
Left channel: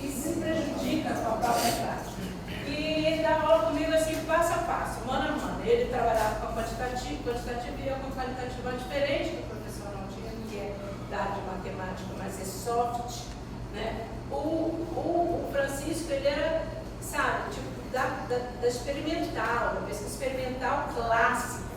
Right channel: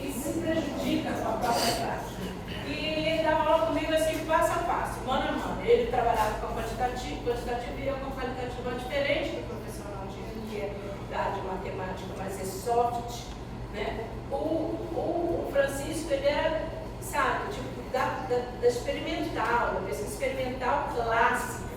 e se prejudica com a própria prática. E ele dava aula comigo assim, passo a passo, mano a mano. Ele trabalhava com quantitativo e eu com qualitativo diferente do professor Aldino, que é da área de matemática, mas é soft, né? O Francisco, ele era, sabe, tipo, da experimental, da pesquisa experimental clássica,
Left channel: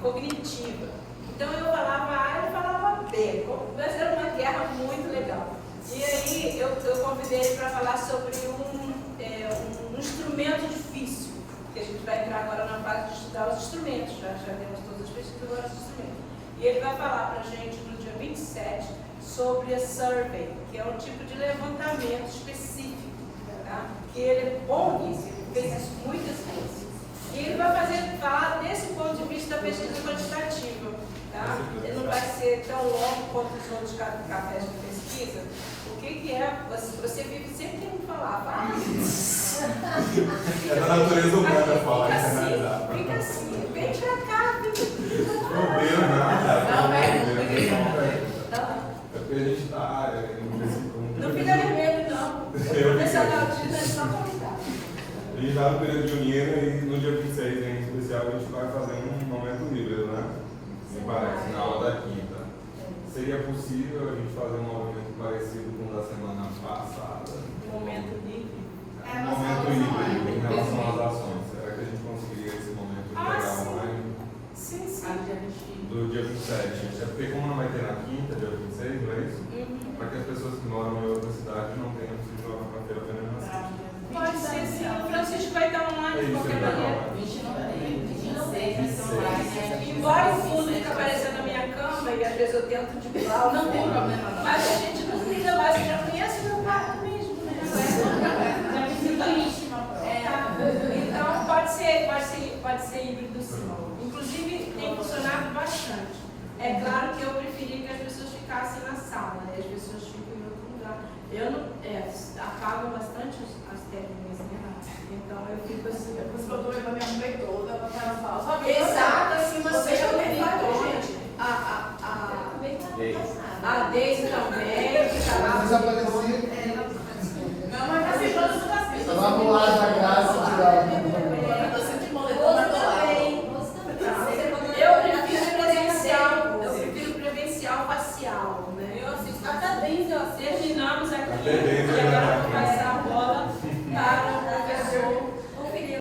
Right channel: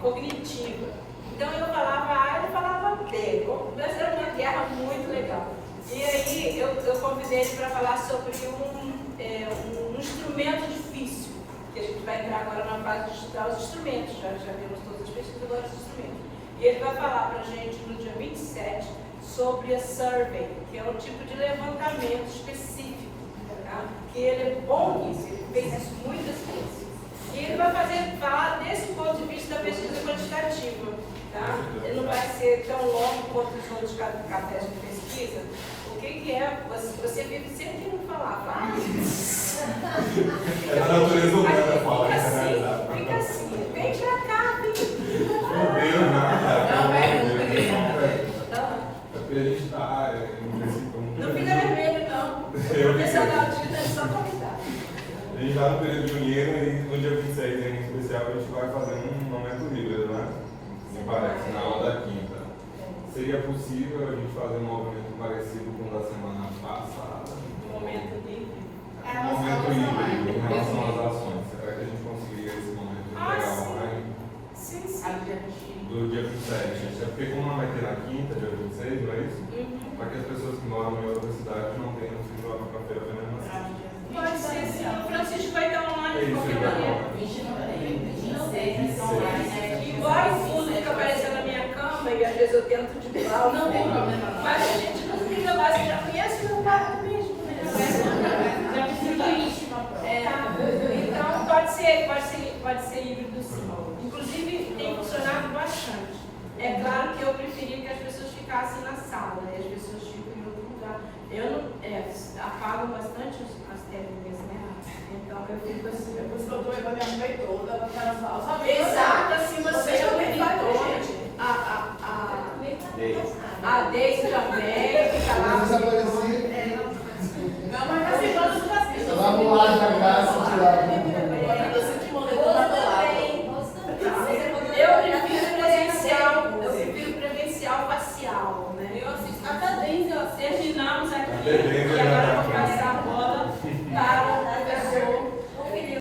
cognitiva. Então eu falava A, ele falava B, mas era uma guerra muito legal. E aí eu convidei ele para falar sobre um instrumento difícil, que a gente vai entrar agora na fase de estudar os instrumentos, já temos todas as pesquisas, agora os instrumentos. E ele vai falar para a gente no dia 27 sobre a survey, que é um tipo de levantamento específico, tá? Que ele é bom nisso, ele fez isso muitas vezes. E ele vai falar desse ponto de vista da pesquisa quantitativa, tá? Ele não vai ser tão longo quanto os outros cafés de pesquisa. O que é? Você vive sempre querendo falar, É da natureza humana falar, isso é realidade. Fica assim, vem pra cá, Não veio nada. É porque a gente está em princípio. Não fica vermelho, não. O professor Aldino é só convidar. A gente está no período junino e no dia 26, em especial, a gente vai fazer um momento híbrido, né? Me parece, na aula da quinta. Seria possível a gente fazer um movimento parecido com o da semana passada? Momento híbrido. Um momento híbrido em relação às ações. Será que a gente conseguiria esse momento integral online? Sim, sim. Do dia 27. É porque como não vai ter na quinta, dia 26, não é isso? Para que as pessoas que moram em outra cidade não tenham que se jogar para feira apenas na sexta. Pode ser, sim. O Francisco vai estar online de Isso, qualquer ele vai maneira. estar online. 26 vai ser online, né? E vezes eu tento driblar o Não tem fogo. problema, não. Mas a gente não fica mais, você já conhece meu quarto mesmo, né? Já fica íntimo. Então pode ser híbrido sim. Inclusive tem funcionado bastante. É claro que eu preferia que as pessoas ficassem na sala, né? As pessoas ficam em outro lugar. Eu não apago bastante as técnicas, né? Então eu fico assim. Depois que eu tô levando a minha mãe toda, ela fala, só Exato.